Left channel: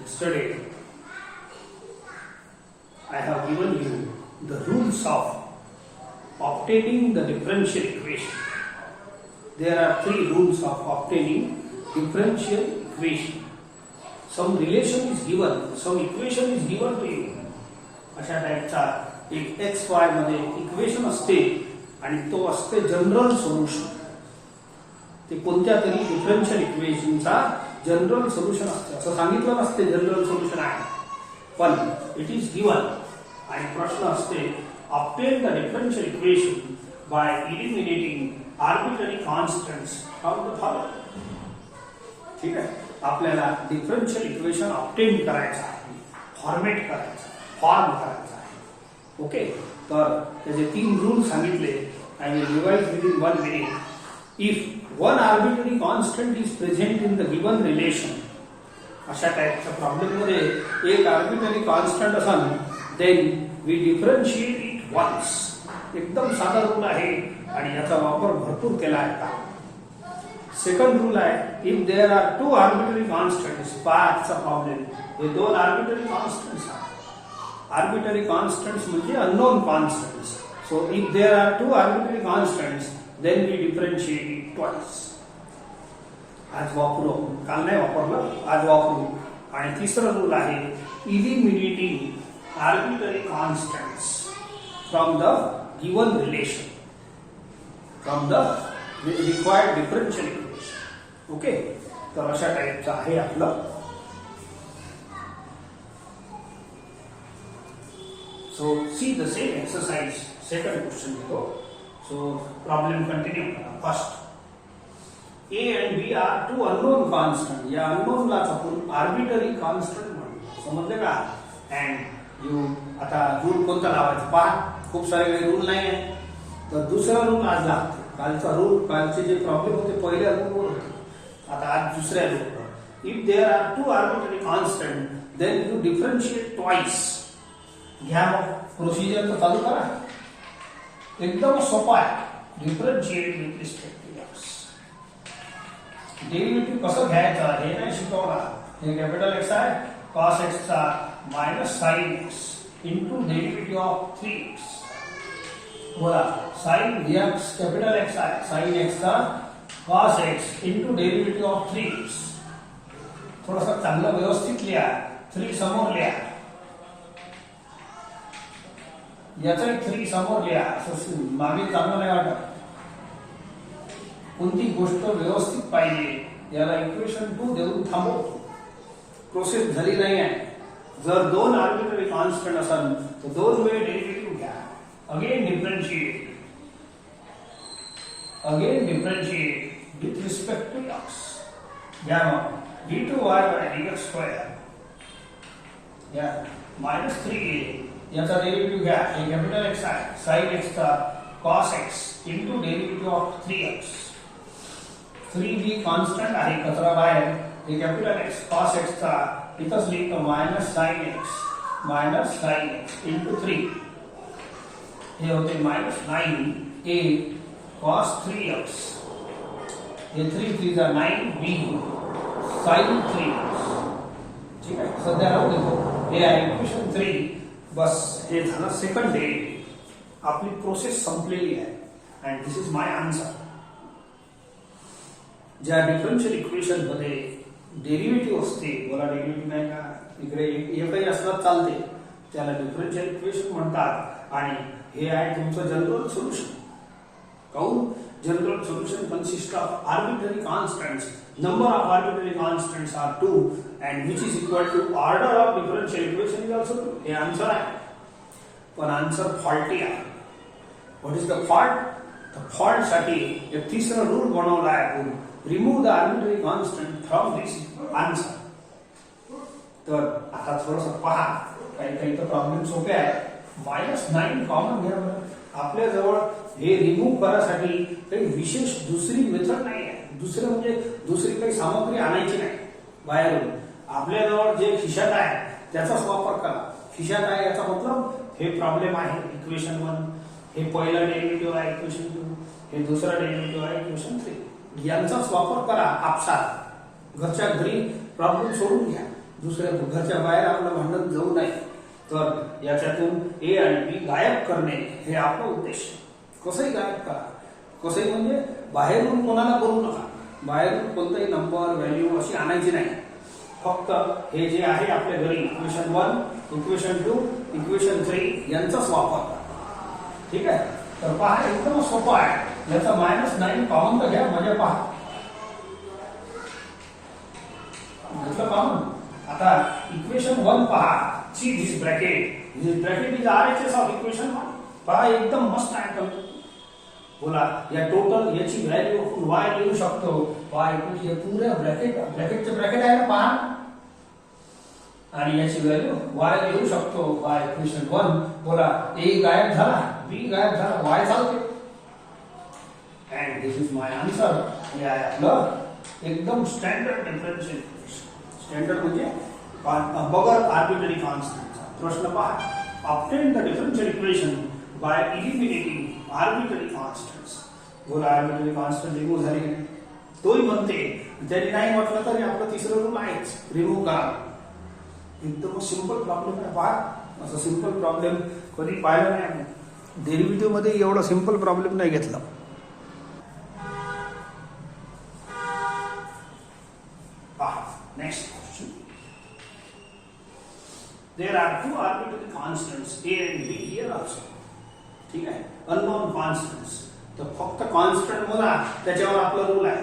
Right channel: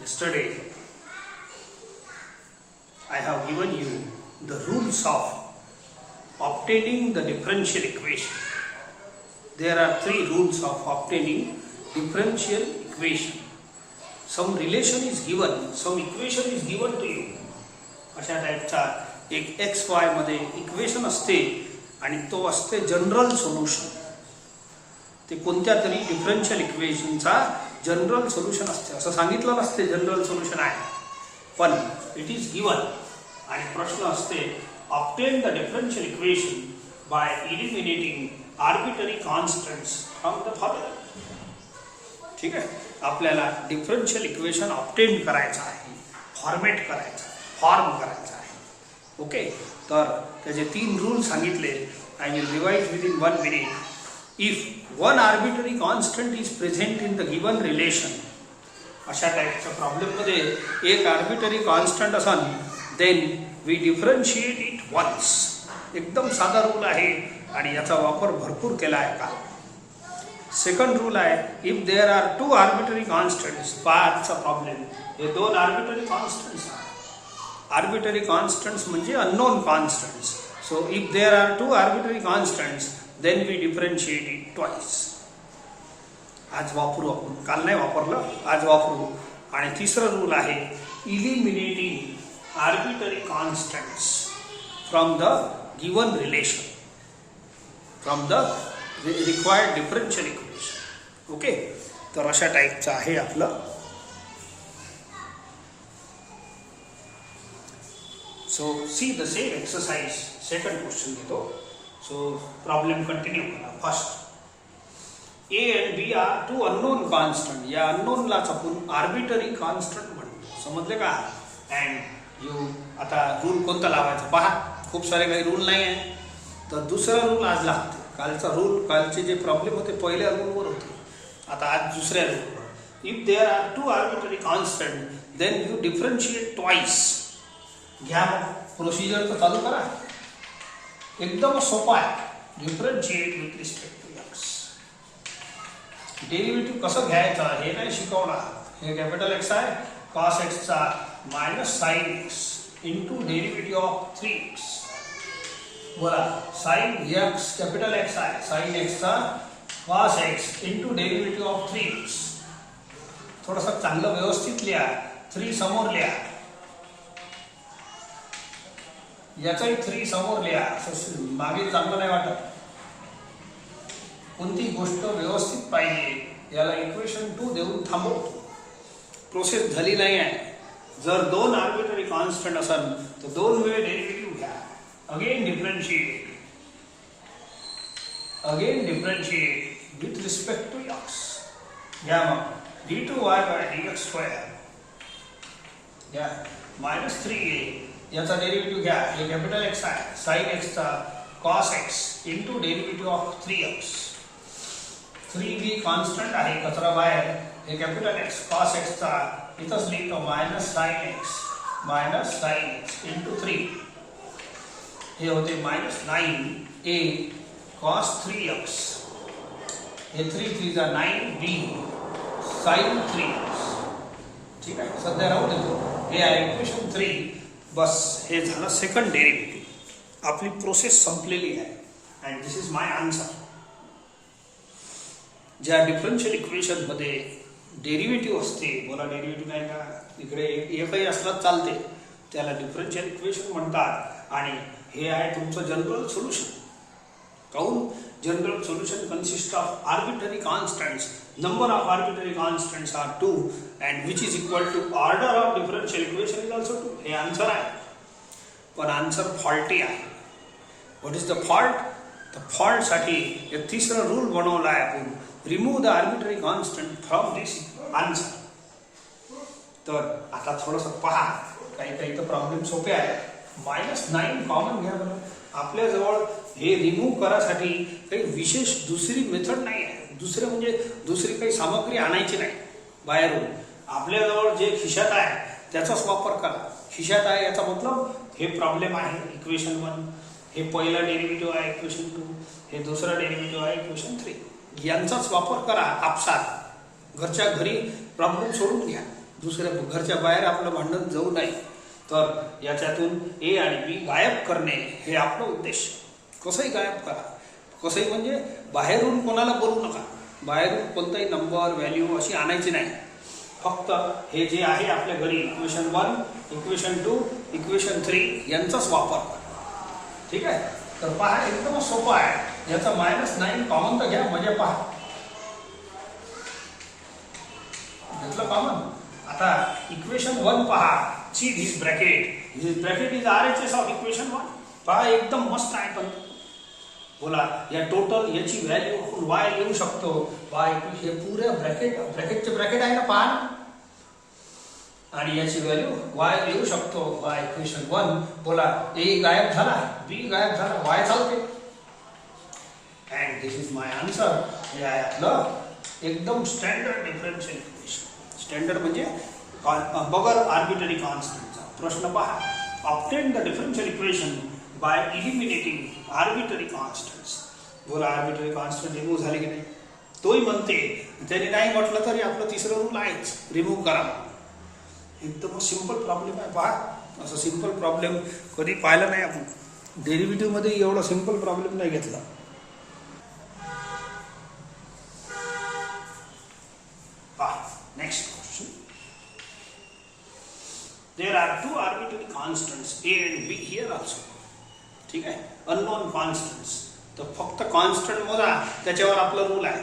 Yesterday, I have given you the rules of obtaining the differential equation. There are three rules of obtaining differential equation. Some relation is given, some equation is given to you. अशा टाइपचा एक x Y मध्ये equation असते आणि तो असते general solution. ते कोणत्या तरी डिफरन्शियल इक्वेशनचा जनरल सोल्युशन असते. असं सांगितलं नसते जनरल सोल्युशन आहे, पण इट इज गिवन. आणि प्रश्न असते obtain the differential equation by eliminating arbitrary constants from the following. ठीक आहे, आपल्याला डिफरन्शियल इक्वेशन ऑब्टेन करायचं आहे, फॉर्मेट करायचं आहे, फॉर्म करायचा आहे. ओके, तर त्याचे तीन रूल सांगितले. I will revise with in 1 minute. If one arbitrary constant is present in the given relation, अशा टाईपच्या प्रॉब्लेम मध्ये एक आर्बिट्ररी कॉन्स्टंट असेल, then we differentiate it once. एकदम साधा रूल आहे आणि याचा वापर भरपूर केला आहे का. सेकंड रूल आहे, if there are two arbitrary constants. पाचचा प्रॉब्लेम, हे दोन आर्बिट्ररी कॉन्स्टंट्स आहेत. आर्बिट्ररी कॉन्स्टंट्स म्हणजे unknown constants. So if there are two arbitrary constants, then we differentiate it twice. आज वापरू, काल नाही वापरलं, आज वापरू. आणि तिसरा रूल आहे, eliminating arbitrary constants from the given relation, from the required differential equation. Okay, तर अशा टाईपचं आहे आपलं. So see the same exercise. Second question घेतो. So problem continue. First, A and B are two unknown constant. या unknown लाच आपण arbitrary constant म्हणतो. समजले का? And you आता रूल कोणता लावायचा पहा. खूप सारे काही रूल नाही आहे. तर दुसरा रूल आज लागतो. कालचा रूल, कालचे जे प्रॉब्लेम होते पहिल्या रूलवर होते. आता आज दुसऱ्या रूलवर. If there are two arbitrary constant, then you differentiate twice. घ्या मग प्रोसिजर तर चालू करा. एकदम सोपा आहे. Differentiate with respect to X. Derivative कसं घ्यायचं हे नाही शिकवणार. हे कॅपिटल एक्स आहे, कॉस एक्स चा minus sine x into derivative of 3x. बोला, साइन एक्स कॅपिटल एक्स आहे, साइन एक्स चा cos x into derivative of 3x. थोडंसं चांगलं व्यवस्थित लिहा. 3 समोर लिहा, याचाही 3 समोर लिहा. असं मागे चांगलं नाही वाटत. कोणती गोष्ट व्यवस्थित पाहिजे याला इक्वेशन 2 देऊन थांबवतो. प्रोसेस झाली नाही आहे. जर दोन आर्बिट्ररी कॉन्स्टंट असेल तर दोन वेळ डेरिव्हेटिव्ह घ्या. Again differentiate with respect to X. घ्या मग d2y by dx स्क्वेअर घ्या मायनस 3a. याचा डेरिव्हेटिव्ह घ्या. हे कॅपिटल एक्स आहे, साइन एक्स चा cos x into derivative of 3x. 3b constant आहे, कचरा बाहेर. हे कॅपिटल एक्स कॉस एक्स चा इथंच लिहितो मायनस साइन एक्स इंटू 3. हे होते मायनस 9a कॉस 3x. हे 3 3 जा 9b साइन 3x. ठीक आहे, सध्या राहू देतो. हे आहे इक्वेशन 3. बस हे झालं सेकंड डेरिव्हेटिव्ह. आपली प्रोसेस संपलेली आहे. And this is my answer. ज्या डिफरन्शियल इक्वेशन मध्ये डेरिव्हेटिव्ह असते, बोला डेरिव्हेटिव्ह नाही का, इकडे एकही असलं चालते, त्याला डिफरन्शियल इक्वेशन म्हणतात. आणि हे आहे तुमचं जनरल सोल्युशन. काऊन? General solution consist of arbitrary constants. Number of arbitrary constants are 2 and which is equal to order of differential equation is also 2. हे आन्सर आहे, पण आन्सर फॉल्टी आहे. What is the fault? तर fault साठी एक तिसरा rule बनवला आहे आपण. Remove the arbitrary constant from this answer. तर आता थोडंसं पहा, काही तर प्रॉब्लेम सोपे आहे. -9 कॉमन घ्या बरं. आपल्या जवळ हे रिमूव्ह करायसाठी काही विशेष दुसरी मेथड नाही आहे. दुसरे म्हणजे दुसरी काही सामग्री आणायची नाही बाहेरून. आपल्याजवळ जे खिशात आहे त्याचाच वापर करा. खिशात आहे याचा मतलब हे प्रॉब्लेम आहे इक्वेशन 1, हे पहिला डेरिव्हेटिव्ह आहे इक्वेशन 2, हे दुसरा डेरिव्हेटिव्ह आहे इक्वेशन 3. यांचाच वापर करा. आपसात घरच्या घरी प्रॉब्लेम सोडून घ्या. दुसऱ्या घरच्या बाहेर आपलं भांडण जाऊ नये, तर याच्यातून ए आणि बी गायब करणे हे आपलं उद्देश. कसंही गायब करा, कसंही म्हणजे बाहेरून कोणाला बोलू नका, बाहेरून कोणताही नंबर व्हॅल्यू अशी आणायची नाही. फक्त हे जे आहे आपल्या घरी इक्वेशन 1, इक्वेशन 2, इक्वेशन 3 यांचाच वापर करा. ठीक आहे. तर पहा एकदम सोपा आहे. याचा -9 कॉमन तर घ्या, म्हणजे पहा घेतलं कॉमन. आता इक्वेशन 1 पहा, ची this bracket is RHS of equation 1. पहा एकदम मस्त आहे. पण बोला या टोटल याची व्हॅल्यू y लिहू शकतो. y हे पुऱ्या ब्रॅकेटचे ब्रॅकेट आहे ना पहा, आणि याची व्हॅल्यू y लिहू शकतो. y equation 1. बोला a गायब झाला, b गायब झाला, y चालते. And this is my answer. हे आहे आपलं एकदम स्टँडर्ड डिफरन्शियल इक्वेशन. स्टँडर्ड म्हणजे बगर आर्बिट्ररी कॉन्स्टंटचा प्रश्न पहा. Obtain the differential equation by eliminating arbitrary constants. बोला आर्बिट्ररी कॉन्स्टंट रिमूव्ह झाले की नाही? तोही म्हणते जरी नाही म्हटलं तरी आपलं तिसरं रूल आहेच, रिमूव्ह करा. एकदम सिंपल प्रॉब्लेम आहे. पहा असं सिंपल प्रॉब्लेम कधी पाहिला नाही आपण. डेरिव्हेटिव्ह मध्ये एवढा सिंपल प्रॉब्लेम नाही घेतला. पहा next question. There are two arbitrary constants a and b here also. ठीक आहे. Unknown constants. तर फक्त कॉन्स्टंट मोजा, त्याच्यावर आपला रूल आहे.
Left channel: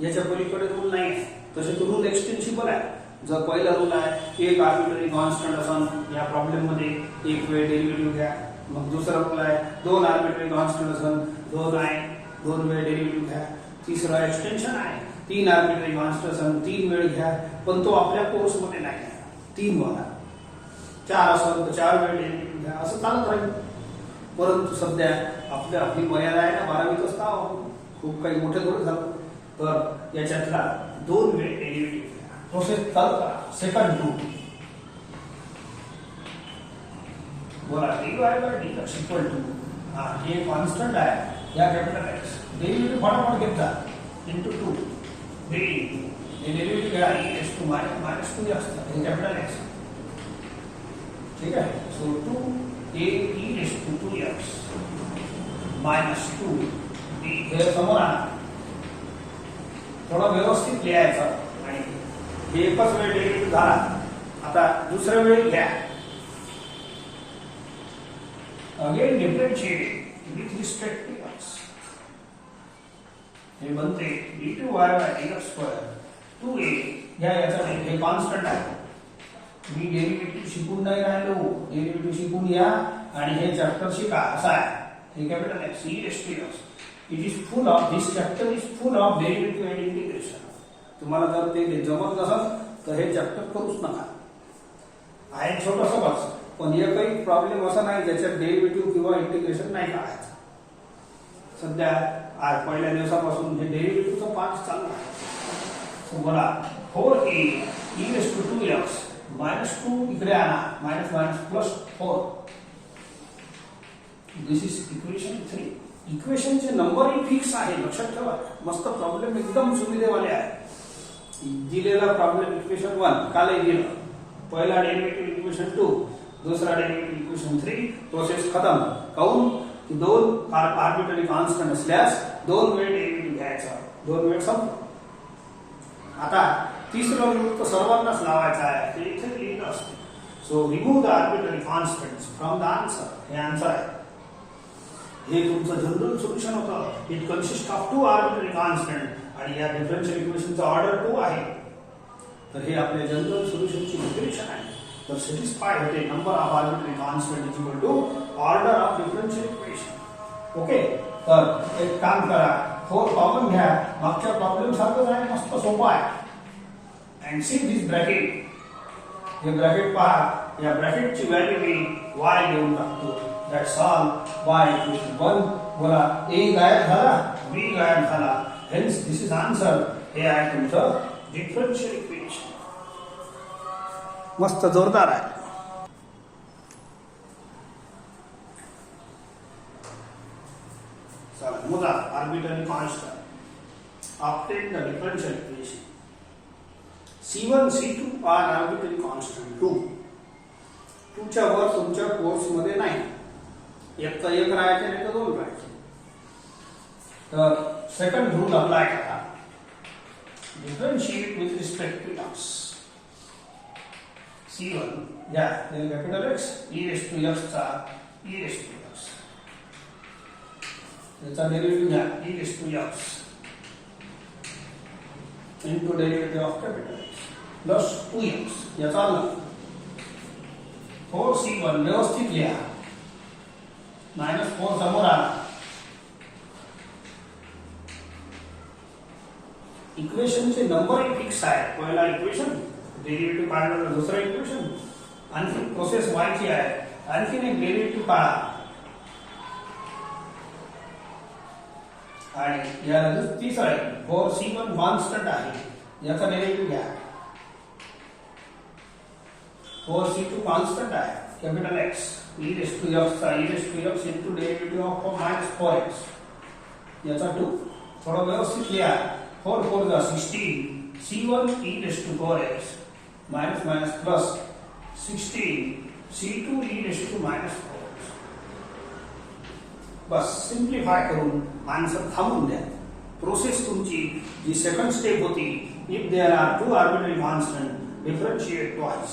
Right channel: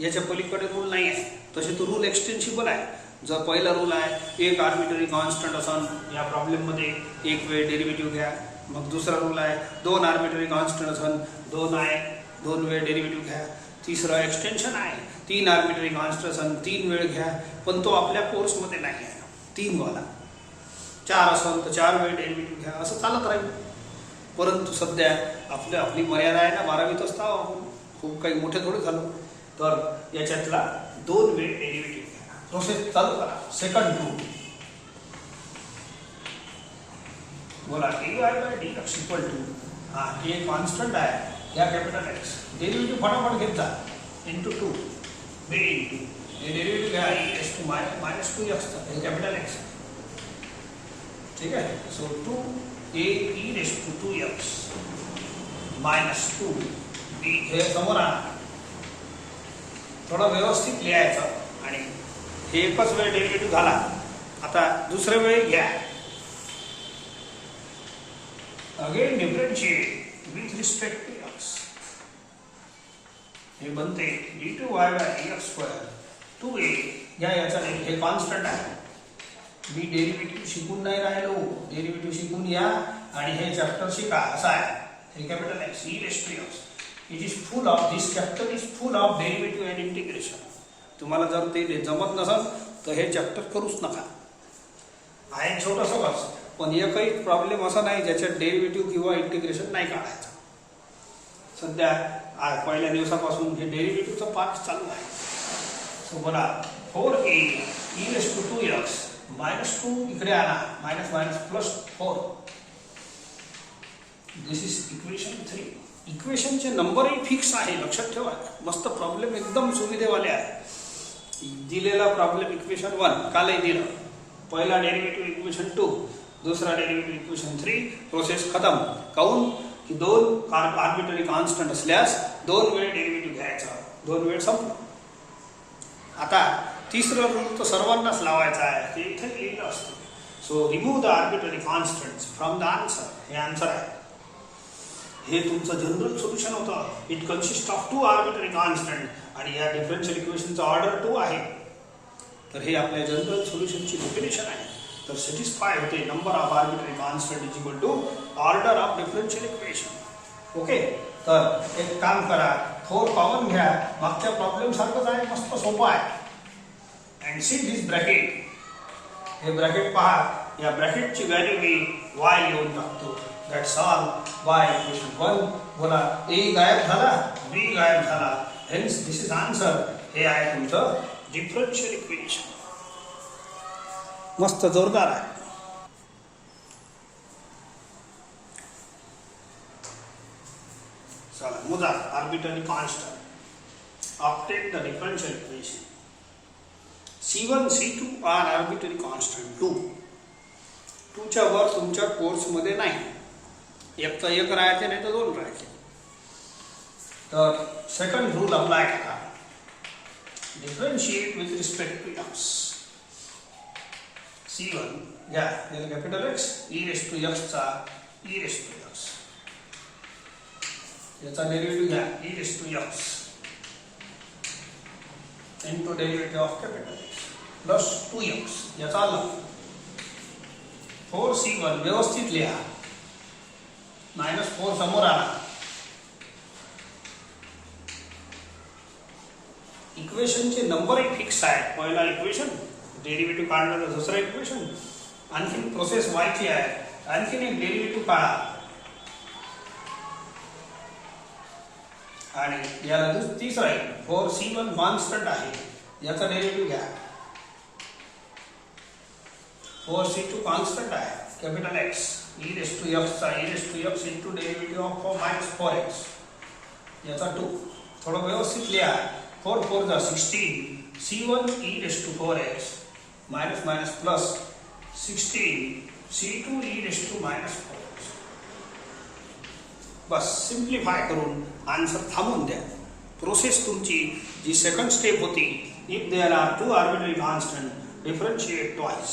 याच्या पलीकडे रूल नाही आहे. तसे तो रूल एक्सटेन्सिबल आहे. जर पहिला रूल आहे एक आर्बिट्ररी कॉन्स्टंट असन या प्रॉब्लेम मध्ये एक वेळ डेरिव्हेटिव्ह घ्या. मग दुसरा रूल आहे 2 आर्बिट्ररी कॉन्स्टंट असन 2 वेळ डेरिव्हेटिव्ह घ्या. तिसरा एक्सटेन्शन आहे 3 आर्बिट्ररी कॉन्स्टंट असन 3 वेळ घ्या. पण तो आपल्या कोर्स मध्ये नाही आहे 3 वाला. 4 असेल तर 4 वेळ डेरिव्हेटिव्ह घ्या. असं चालत राहील. परंतु सध्या आपली मर्यादा आहे ना 12वीत असता, खूप काही मोठे थोडे झालं. तर याच्यातला 2 वेळ डेरिव्हेटिव्ह प्रोसेस चालू करा. Second rule. बोला dx इक्वल टू हे कॉन्स्टंट आहे या कॅपिटल एक्स. डेरिव्हेटिव्ह फटाफट घेत जा. इंटू 2 बी इंटू हे डेरिव्हेटिव्ह घ्या -2 असतात हे कॅपिटल एक्स. ठीक आहे. सो 2a(e)(2x -2 b हे समोर आणा. थोडा व्यवस्थित लिहायचं. आणि हे एकच वेळ डेरिव्हेटिव्ह झाला. आता दुसऱ्या वेळी घ्या. Again differentiate with respect to x. हे बनते d2y/dx2 2a. याचा हे कॉन्स्टंट आहे. मी डेरिव्हेटिव्ह शिकून नाही राहिलो, डेरिव्हेटिव्ह शिकून या आणि हे चॅप्टर शिका. असं आहे. हे capital x e(x). It is full of this chapter is full of derivative and integration. तुम्हाला जर ते जमत नसेल तर हे चॅप्टर करूच नका. आहे छोटंसं वर्ष, पण एकही प्रॉब्लेम असा नाही ज्याच्यात डेरिव्हेटिव्ह किंवा इंटिग्रेशन नाही काढायचं. सध्या आज पहिल्या दिवसापासून हे डेरिव्हेटिव्हचा पार्ट चालू आहे. सो मला 4a(e)(2x -2 इकडे आणा. +4. दिस इज इक्वेशन 3. इक्वेशनचे नंबरही फिक्स आहे, लक्षात ठेवा. मस्त प्रॉब्लेम एकदम सुविधेवाले आहे. दिलेला प्रॉब्लेम इक्वेशन 1 कालही दिलं. पहिला डेरिव्हेटिव्ह इक्वेशन 2, दुसरा डेरिव्हेटिव्ह इक्वेशन 3. प्रोसेस खतम. काऊन की 2 आर्बिट्ररी कॉन्स्टंट असल्यास 2 वेळ डेरिव्हेटिव्ह घ्यायचा. 2 वेळ संपलं. आता तिसरं रूल तर सर्वांनाच लावायचा आहे. ते इथे लिहिलं असतं. So remove the arbitrary constants from the answer. हे आन्सर आहे. हे तुमचं जनरल सोल्युशन होतं. It consist of 2 arbitrary constant आणि या डिफरन्शियल इक्वेशनचा ऑर्डर 2 आहे. तर हे आपल्या जनरल सोल्युशनची डेफिनेशन आहे. तर सॅटिस्फाय होते number of arbitrary constant is equal to order of differential equation. Okay. तर एक काम करा, 4 कॉमन घ्या. मागच्या प्रॉब्लेम सारखंच आहे, मस्त सोपं आहे. And see this bracket. हे ब्रॅकेट पहा. या ब्रॅकेटची व्हॅल्यू मी y घेऊन टाकतो. That's all. y equation 1. बोला a गायब झाला, b गायब झाला. Hence this is answer. हे आहे तुमचं डिफरन्शियल इक्वेशन. मस्त जोरदार आहे. चला मोजा arbitrary constant. Obtain the differential equation. C1 C2 are arbitrary constant 2. 2च्या वर तुमच्या कोर्समध्ये नाही. एक तर एक राहायचे नाही तर 2 राहायचे. तर सेकंड रूल अप्लाय करा. Differentiate with respect to x. C1 घ्या capital X e raise to x चा e रेस टू x. याचा डेरिव्हेटिव्ह घ्या e raise to x into derivative of capital X plus 2x. याचा अर्थ 4C1 व्यवस्थित लिहा. -4 समोर आला. इक्वेशनचे नंबर फिक्स आहे. पहिला इक्वेशन डेरिव्हेटिव्ह काढलं, दुसरा इक्वेशन आणखी प्रोसेस व्हायची आहे. आणखी एक डेरिव्हेटिव्ह काढा आणि या तिसरा आहे 4C1 कॉन्स्टंट आहे. याचा डेरिव्हेटिव्ह घ्या. 4C2 कॉन्स्टंट आहे. Capital X e raise to x चा e raise to x into derivative of -4x. याचा 2. थोडं व्यवस्थित लिहा. 4 4 जा 16. C1 e raise to 4x minus minus plus 16 C2 e raise to -4x. बस सिंप्लिफाय करून आन्सर थांबून द्या. प्रोसेस तुमची जी सेकंड स्टेप होती, if there are two arbitrary constant differentiate twice.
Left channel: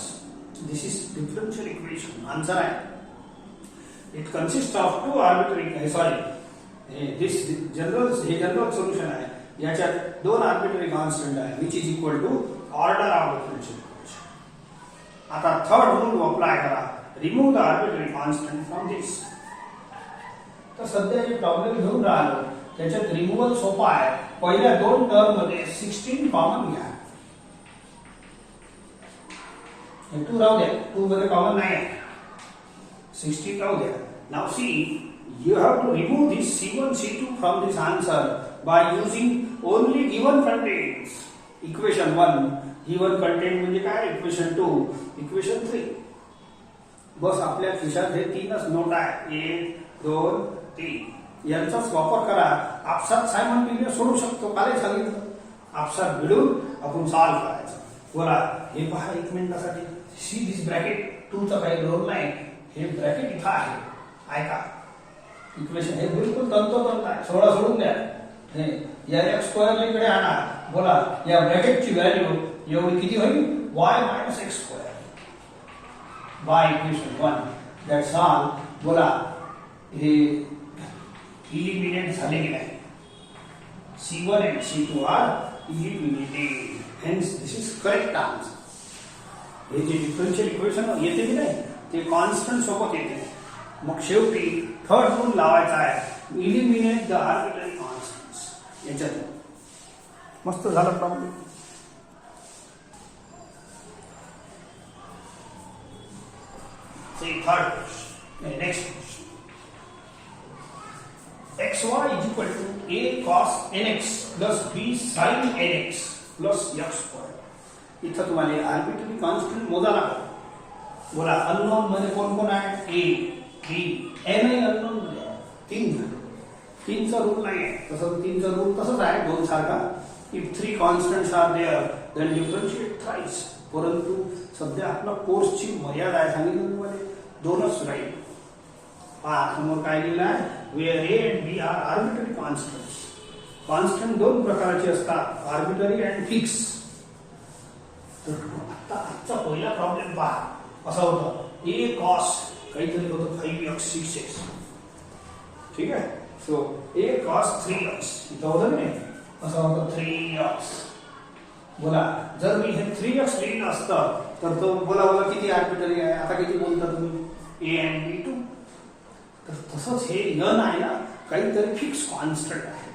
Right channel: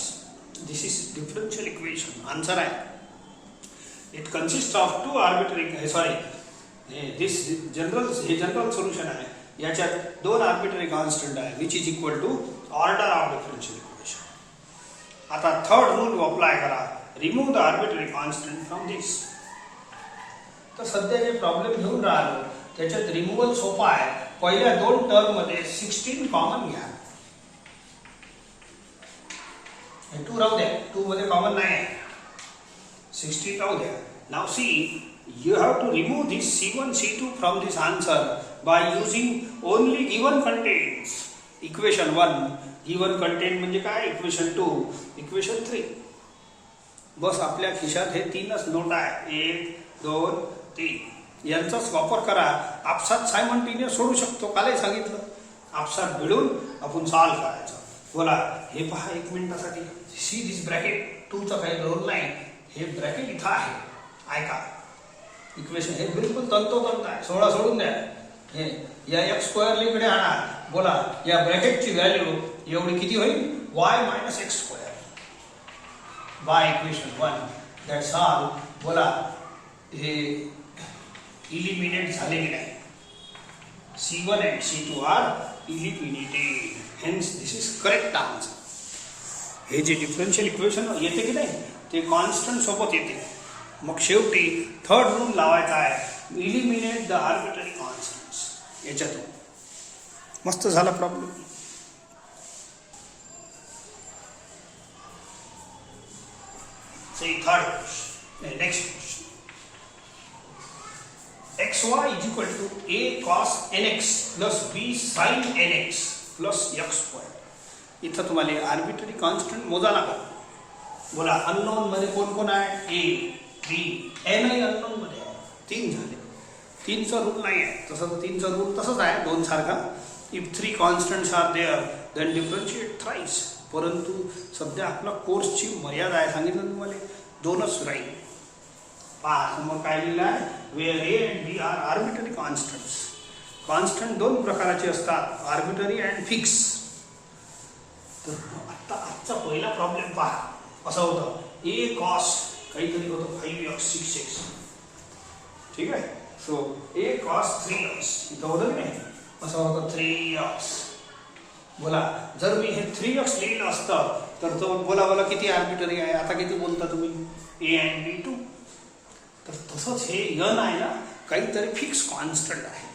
This is differential equation. Answer आहे. It consist of two arbitrary this general solution आहे. याच्यात 2 आर्बिट्ररी कॉन्स्टंट आहे which is equal to order of differential equation. आता third rule apply करा. Remove the arbitrary constant from दिस. तर सध्या जे problem घेऊन राहिलो त्याच्यात रिमूव्हल सोपा आहे. पहिल्या 2 टर्म मध्ये 16 कॉमन घ्या. 2 राहू द्या. 2 मध्ये कॉमन नाही आहे. 16 राहू द्या. Now see you have to remove this C1 C2 from this answer by using only given contents. Equation 1 given content म्हणजे काय? Equation 2 Equation 3. बस आपल्या खिशात हे 3च नोट आहे. 1 2 3. यांचाच वापर करा. आपसात सायमल्टेनियस सोडू शकतो. काल सांगितलं आपसात मिळून आपण सॉल्व करायचं. बोला हे पहा 1 मिनिटासाठी. सी दिस ब्रॅकेट 2 चा काही रोल नाही. हे ब्रॅकेट इथं आहे. ऐका इक्वेशन हे बिलकुल तंतोतंत आहे. 16 सोडून द्या. हे या x² इकडे आणा. बोला या ब्रॅकेटची व्हॅल्यू एवढी किती होईल? y - x². y equation 1 that's all. बोला हे इलिमिनेट झालेले आहे. C1 and C2 are eliminated. Hence this is correct answer. हे जे डिफरन्शियल इक्वेशन येते की नाही ते कॉन्स्टंट सोबत येते. मग शेवटी थर्ड रूल लावायचा आहे. Eliminate the arbitrary constants. याच्यात मस्त झाला problem. Third next xy is equal to a cos nx plus b sin nx plus x². इथं तुम्हाला आर्बिट्ररी कॉन्स्टंट मोजा लागेल. बोला अननोन मध्ये कोण कोण आहे? a b n अननोन मध्ये आहे. 3 झाले. 3चा रूल नाही आहे. तसं 3चा रूल तसंच आहे 2 सारखा. If 3 constants are there then differentiate thrice. परंतु सध्या आपला कोर्सची मर्यादा आहे. सांगितलं तुम्हाला 2च राहील. पहा समोर काय लिहिलं आहे? Where a and b are arbitrary constants. Constant 2 प्रकारचे असतात, आर्बिट्ररी अँड फिक्स. तर आता आजचा पहिला प्रॉब्लेम पहा कसा होता. a cos काहीतरी होतं 5x 6x. ठीक आहे. सो a cos 3x इथं होतं नाही. कसं होतं 3x. बोला जर मी हे 3x लिहिलं असतं तर तो बोला किती आर्बिट्ररी आहे. आता किती बोलता तुम्ही? a and b 2. तर तसंच हे n आहे ना काहीतरी फिक्स कॉन्स्टंट आहे.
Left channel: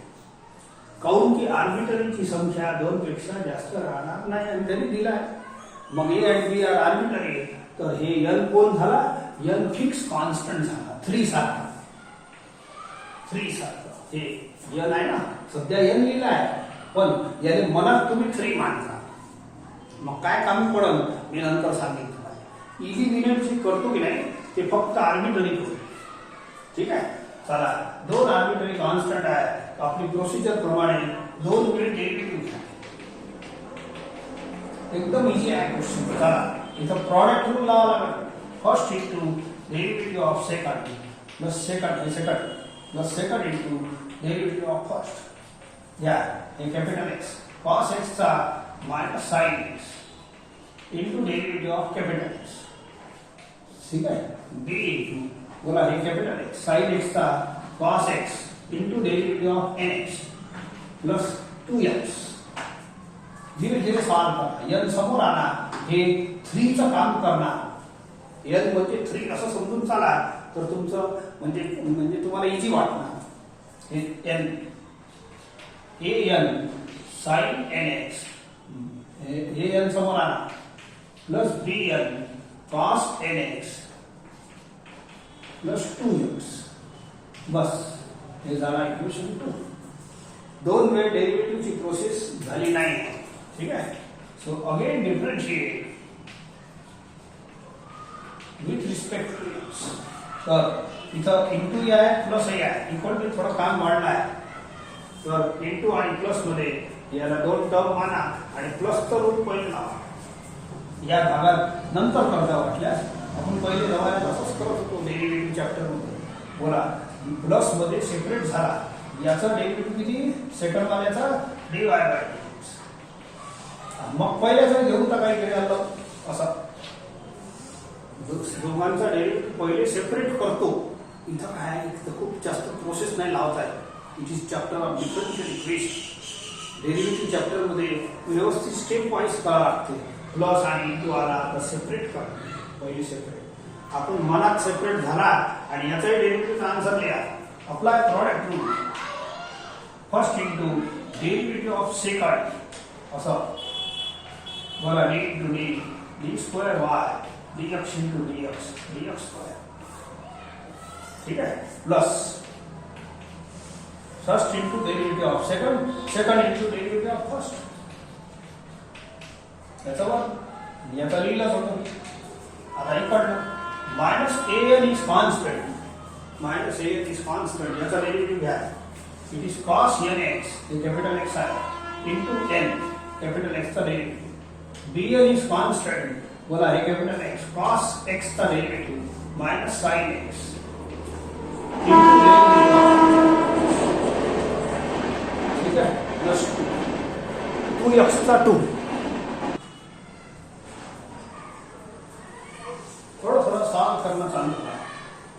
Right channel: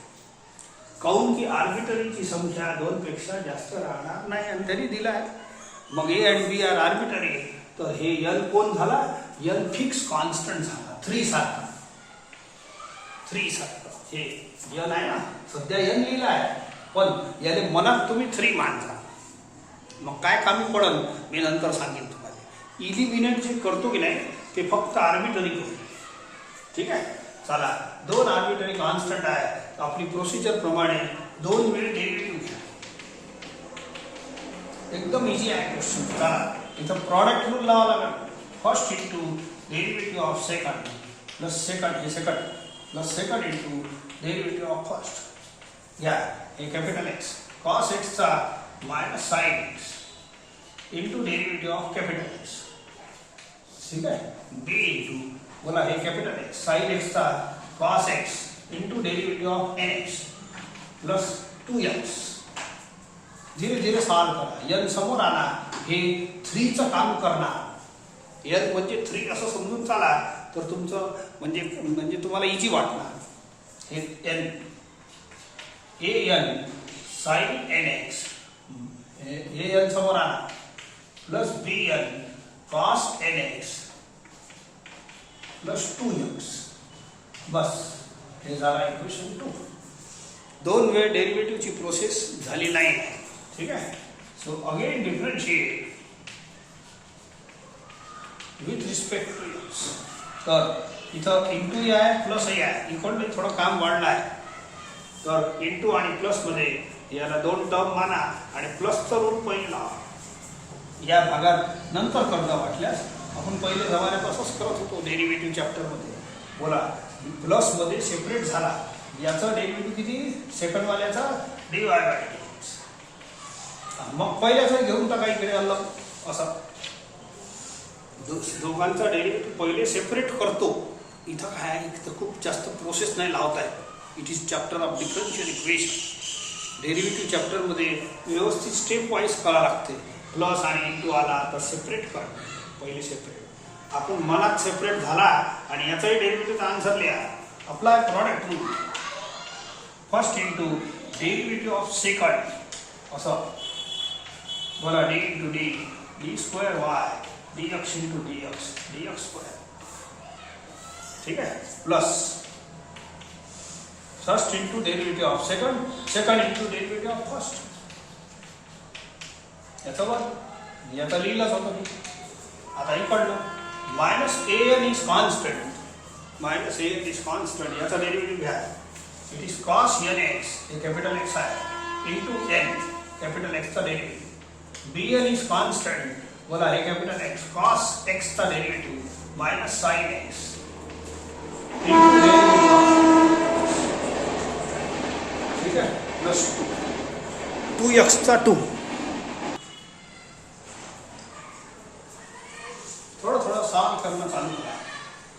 काऊन की आर्बिट्ररीची संख्या 2 पेक्षा जास्त राहणार नाही आणि तरी दिला आहे. मग a and b are arbitrary. तर हे n कोण झाला? n फिक्स कॉन्स्टंट झाला. 3 सारखा. हे n आहे ना सध्या n लिहिला आहे पण याने मनात तुम्ही 3 मानता. मग काय काम पडल मी नंतर सांगेन तुम्हाला. इलिमिनेट जे करतो की नाही ते फक्त आर्बिट्ररी करतो. ठीक आहे. चला 2 आर्बिट्ररी कॉन्स्टंट आहे. आपली प्रोसिजर प्रमाणे 2 वेळ डेरिव्हेटिव्ह घ्या. एकदम इजी आहे क्वेश्चन. चला इथं प्रॉडक्ट रूल लावा लागेल. First into derivative of second plus second हे second plus second into derivative of first. घ्या हे कॅपिटल एक्स कॉस एक्स चा minus sine x into derivative of capital x. ठीक आहे. बी इंटू बोला हे कॅपिटल एक्स साइन एक्स चा cos x into derivative of n x plus 2x. धीरे धीरे सॉल्व करा. n समोर आला हे 3 चं काम करणार. n म्हणजे 3 असं समजून चाला तर तुमचं म्हणजे तुम्हाला इझी वाटणार. हे n an sin nx हे n समोर आला plus bn cos nx plus 2x. बस हे झाला इक्वेशन 2. दोन वेळ डेरिव्हेटिव्हची प्रोसेस झाली नाही. ठीक आहे. So again differentiate with respect to X. तर इथं इंटू आहे प्लस आहे इक्वल टू थोडं काम वाढलं आहे. तर इंटू आणि प्लस मध्ये याला दोन टर्म माना आणि प्लसचं रूप पहिले लावा. या भागात नंतर करता वाटल्यास आपण पहिले जमान्यात असंच करत होतो डेरिव्हेटिव्ह चॅप्टर मध्ये. बोला प्लस मध्ये सेपरेट झाला याचा डेरिव्हेटिव्ह किती सेकंड वाल्याचा dy बाय dx. मग पहिल्याचा घेऊन टाका इकडे आलं असा. दोघांचा डेरिव्हेटिव्ह पहिले सेपरेट करतो. इथं काय इथं खूप जास्त प्रोसेस नाही लावता येत. It is chapter of differential equation. Derivative chapter मध्ये व्यवस्थित स्टेप वाईज करावं लागते. प्लस आणि इंटू आला तर सेपरेट कर पहिले सेपरेट. आपण मनात सेपरेट झाला आणि याचाही डेरिव्हेटिव्हचा आन्सर लिहा. Apply product rule. First into derivative of second असं बोला D into D D square Y dx into dx dx square. ठीक आहे. Plus first into derivative of second second into derivative of first. याचा लिहिलाच होता मी. आता इकडनं minus an is constant minus an is constant याचा derivative घ्या. It is cos nx हे capital X आहे इंटू n कॅपिटल एक्स चा डेरिव्हेटिव्ह. bn इज कॉन्स्टंट बोला हे कॅपिटल एक्स cos x चा derivative minus sin x into derivative. ठीक आहे. प्लस 2x चा 2. थोडं सॉल्व करणं चालू करा.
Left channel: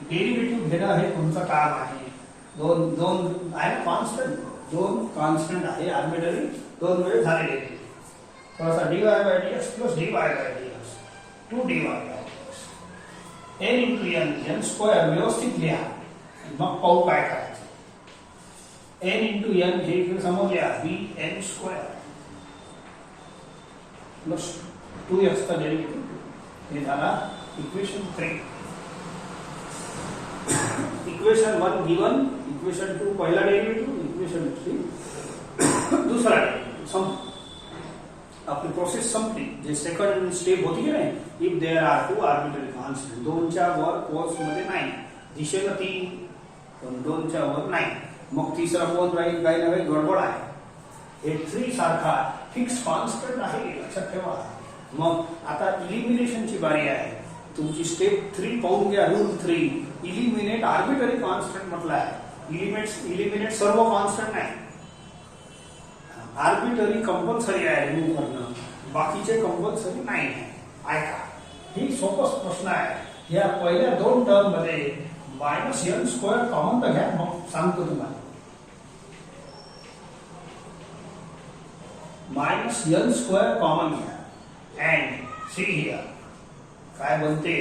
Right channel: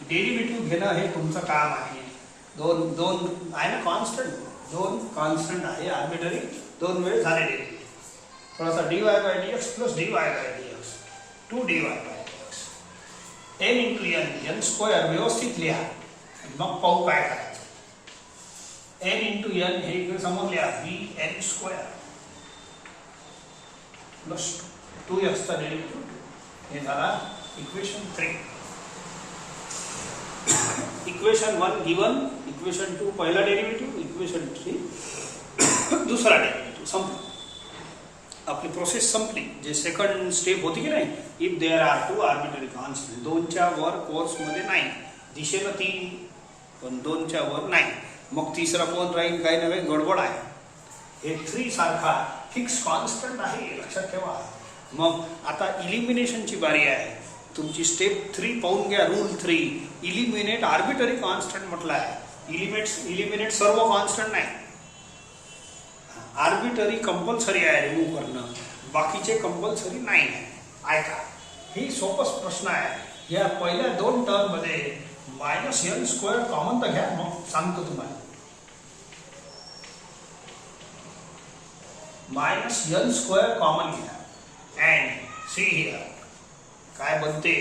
डेरिव्हेटिव्ह घेणं हे तुमचं काम आहे. दोन आहे ना कॉन्स्टंट. दोन कॉन्स्टंट आहे आर्बिटरी. दोन वेळ झालेले थोडासा dy by dx plus dy by dx 2dy by dx. n into n square व्यवस्थित लिहा. मग पाहू काय करायचं. n इंटू n हे इकडे समोर लिहा bn स्क्वेअर प्लस 2x चा डेरिव्हेटिव्ह. हे झाला इक्वेशन 3. Equation 1 given. इक्वेशन 2 पहिला डेरिव्हेटिव्ह. इक्वेशन 3 दुसरा डेरिव्हेटिव्ह. संपलं. आपली प्रोसेस संपली. जे सेकंड स्टेप होती की नाही if there are two arbitrary constant. दोनच्या वर कोर्स मध्ये नाही. दिशेला 3 पण 2च्या वर नाही. मग तिसरा कोण राहील काही नव्हे गडबड आहे. हे 3 सारखा फिक्स कॉन्स्टंट आहे लक्षात ठेवा. मग आता इलिमिनेशनची बारी आहे. तुमची स्टेप 3 पाहून घ्या. रूल 3 इलिमिनेट आर्बिटरी कॉन्स्टंट म्हटलं आहे. इलिमिनेट सर्व कॉन्स्टंट नाही. आर्बिटरी कंपल्सरी आहे रिमूव्ह करणं. बाकीचे कंपल्सरी नाही आहे. ऐका ही सोपच प्रश्न आहे. या पहिल्या 2 टर्म मध्ये मायनस n स्क्वेअर कॉमन तर घ्या. मग सांगतो तुम्हाला. मायनस n स्क्वेअर कॉमन घ्या अँड सी हिअर काय बनते.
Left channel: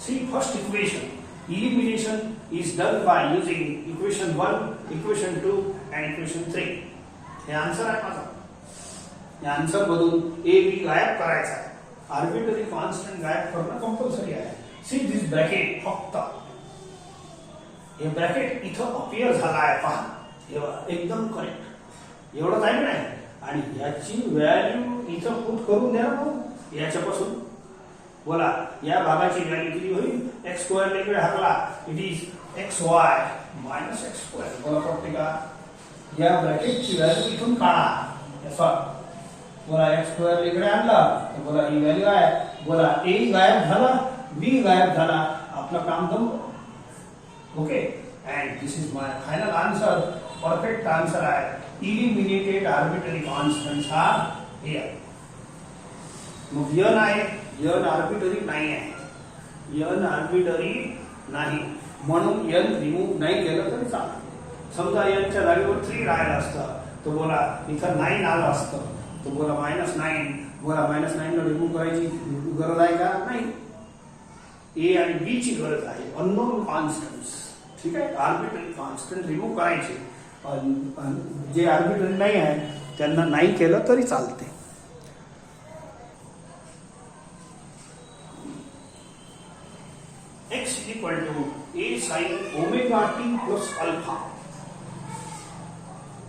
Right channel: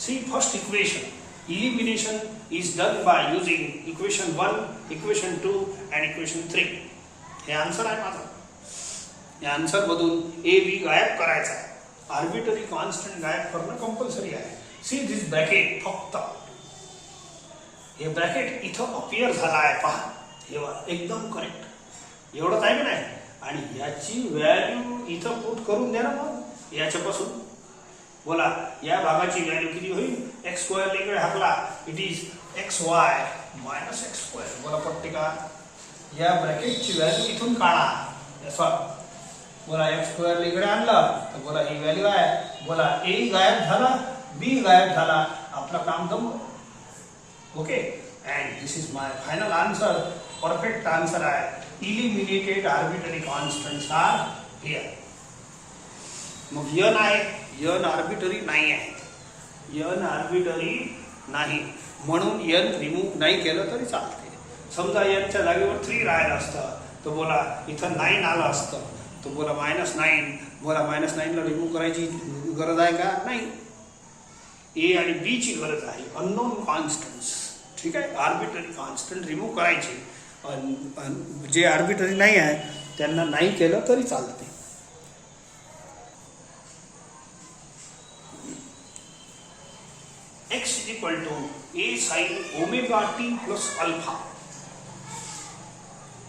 See first equation. Elimination is done by using equation 1 equation 2 and equation 3. हे आन्सर आहे माझा. या आन्सर मधून ए बी गायब करायचा आहे. आर्बिटरी कॉन्स्टंट गायब करणं कंपल्सरी आहे. सी दिस ब्रॅकेट फक्त हे ब्रॅकेट इथं अपीयर झाला आहे पहा. एकदम करेक्ट. एवढंच आहे की नाही. आणि याची व्हॅल्यू इथं पुट करून द्या ना. याच्यापासून बोला या भागाची व्हॅल्यू किती होईल. एक्स स्क्वेअर इकडे हाकला. It is x y minus x square. बोला पटते का. या ब्रॅकेटची व्हॅल्यू इथून काढा. बोला एक्स स्क्वेअर इकडे आणलं तर बोला ही व्हॅल्यू आहे, बोला ए गायब झाला, बी गायब झाला, आपलं काम जमलं. Okay, and this is my final answer. Perfect answer आहे eliminated arbitrary constants are here. मग यन आहे, यन आर्बिटरी नाही आहे, यन आर्बिटरी नाही, म्हणून यन रिमूव्ह नाही केलं तरी चालते. समजा यनच्या जागेवर 3 राहिलं असतं तर बोला इथं 9 आलं असतं तर बोला -9, बोला -9 ला रिमूव्ह करायची गरज आहे का? नाही. ए आणि बी ची गरज आहे, अननोन कॉन्स्टंट्स. ठीक आहे, आर्बिटरी कॉन्स्टंट रिमूव्ह करायचे, जे आर्बिटरी नाही आहे त्यांना नाही केलं तरी चालते. x = a sin omega t plus alpha.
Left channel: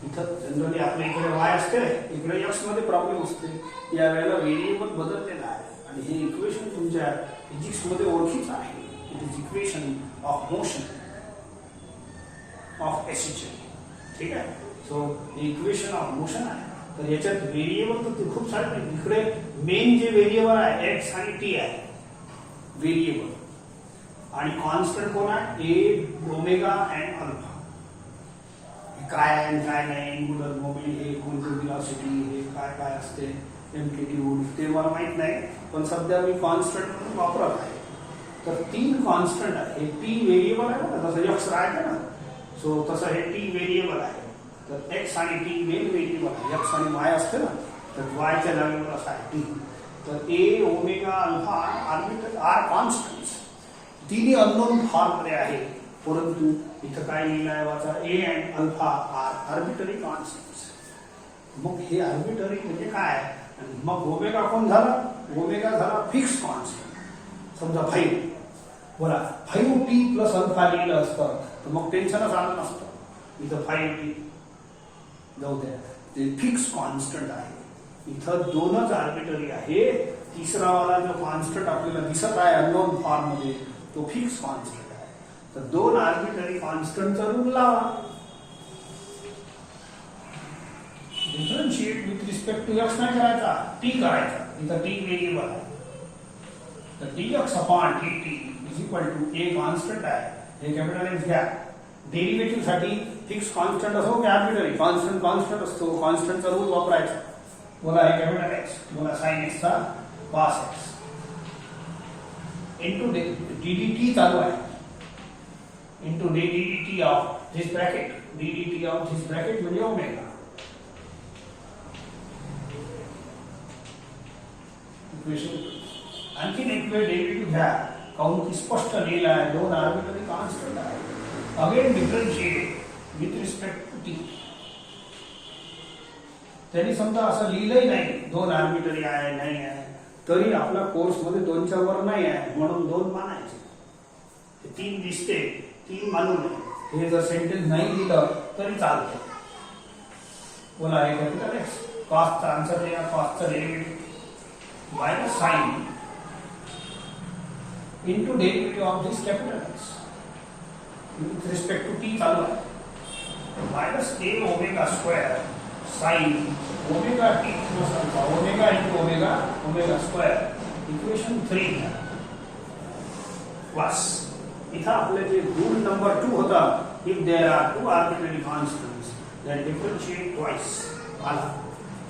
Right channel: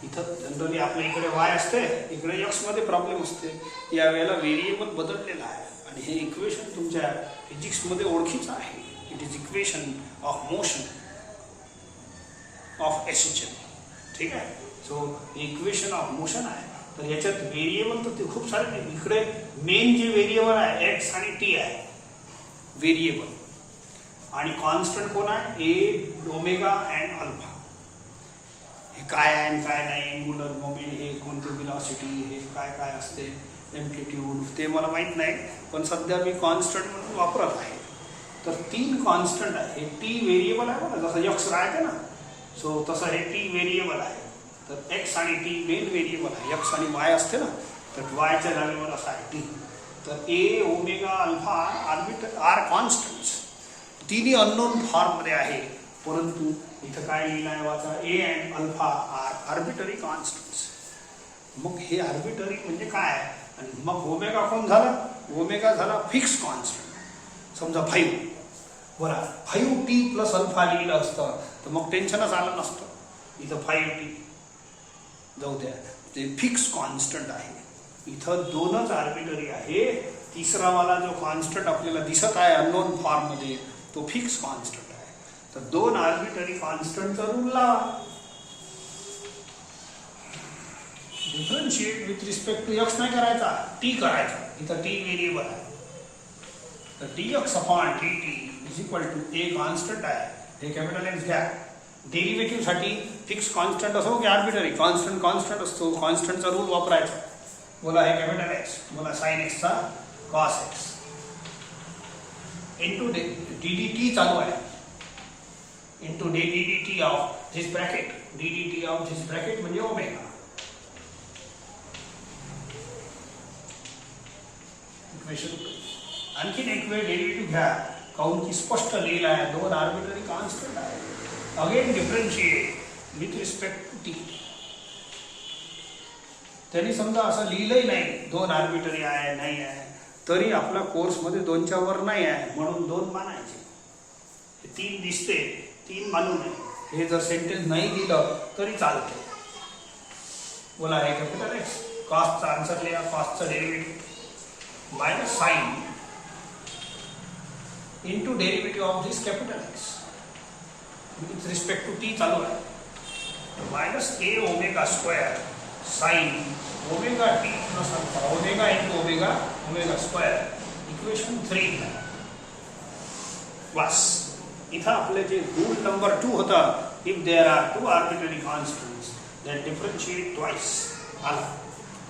इथं जनरली आपल्या इकडे y असते, इकडे x मध्ये प्रॉब्लेम असते. या वेळेला व्हेरिएबल बदललेला आहे आणि हे इक्वेशन तुमच्या फिजिक्स मध्ये ओळखीचं आहे. It is equation of motion of SHL. ठीक आहे, सो इक्वेशन ऑफ मोशन आहे. तर याच्यात व्हेरिएबल तर ते खूप सारे. इकडे मेन जे व्हेरिएबल आहे x आणि t आहे व्हेरिएबल, आणि कॉन्स्टंट कोण आहे? ए, ओमेगा अँड अल्फा. हे काय आहे आणि काय नाही, एंगुलर मोमेंट, हे कोणती वेलोसिटी, हे काय काय असते, एम्प्लिट्यूड, ते मला माहित नाही, पण सध्या मी कॉन्स्टंट म्हणून वापरत आहे. तर 3 कॉन्स्टंट आहे. हे टी व्हेरिएबल आहे ना, जसं एक्स आहे ना, सो तसं हे टी व्हेरिएबल आहे. तर एक्स आणि टी मेन व्हेरिएबल आहे. एक्स आणि वाय असते ना, तर वायच्या जागेवर असा आहे टी. तर A, omega, alpha are constants. तिन्ही अननोन फॉर्म मध्ये आहे, परंतु इथं काय लिहिलं आहे वाचा, A and alpha are arbitrary constants. मग हे आर्बिटरी म्हणजे काय? मग ओमेगा कोण झाला? ओमेगा झाला फिक्स कॉन्स्टंट. समजा 5, बोला 5t प्लस अल्फा लिहिलं असतं तर मग टेन्शनच आलं नसतं. इथं 5t जाऊ द्या, ते फिक्स कॉन्स्टंट आहे. इथं 2च आर्बिटरी आहे. तिसरा वाला जो कॉन्स्टंट आपल्याला दिसत आहे अननोन फॉर्म मध्ये, तो फिक्स कॉन्स्टंट आहे. तर 2 आर्बिटरी कॉन्स्टंटचा रूल लावा. Differentiate with respect to X नाही करायचा, टी करायचा. इथं टी व्हेरिएबल आहे, तर dx upon dt is equal to a constant आहे, हे कॅपिटल एक्स घ्या. डेरिव्हेटिव्ह साठी फिक्स कॉन्स्टंट असो की आर्बिटरी कॉन्स्टंट, कॉन्स्टंट असतो, कॉन्स्टंटचा रूल वापरायचा. बोला हे कॅपिटल एक्स, बोला साइन एक्स चा कॉस एक्स इंटू ddt चालू आहे, into ddt of this bracket, ddt of this bracket म्हणजे ओमेगा. आणखीन एक वेळ डेरिव्हेटिव्ह घ्या, काऊन की स्पष्ट लिहिलं आहे 2 आर्बिटरी कॉन्स्टंट आहे. Again differentiate with respect to T. त्यांनी समजा असं लिहिलंही नाही 2 आर्बिटरी आहे नाही आहे, तरी आपला कोर्स मध्ये 2च्या वर नाही आहे म्हणून 2 मानायचे. 3 दिसते, 3 मानू नये. हे जर सेंटेन्स नाही दिलं तरी चालतं. बोला हे कॅपिटल एक्स, कॉसचा आन्सर लिहा, कॉसचा derivative minus sine into derivative of this capital x with respect to t चालू आहे, minus a omega square sine omega t plus alpha, omega into omega, omega square equation 3 plus. इथं आपले जे rule number 2 होता, if there are 2 arbitrary constants then differentiate twice आला,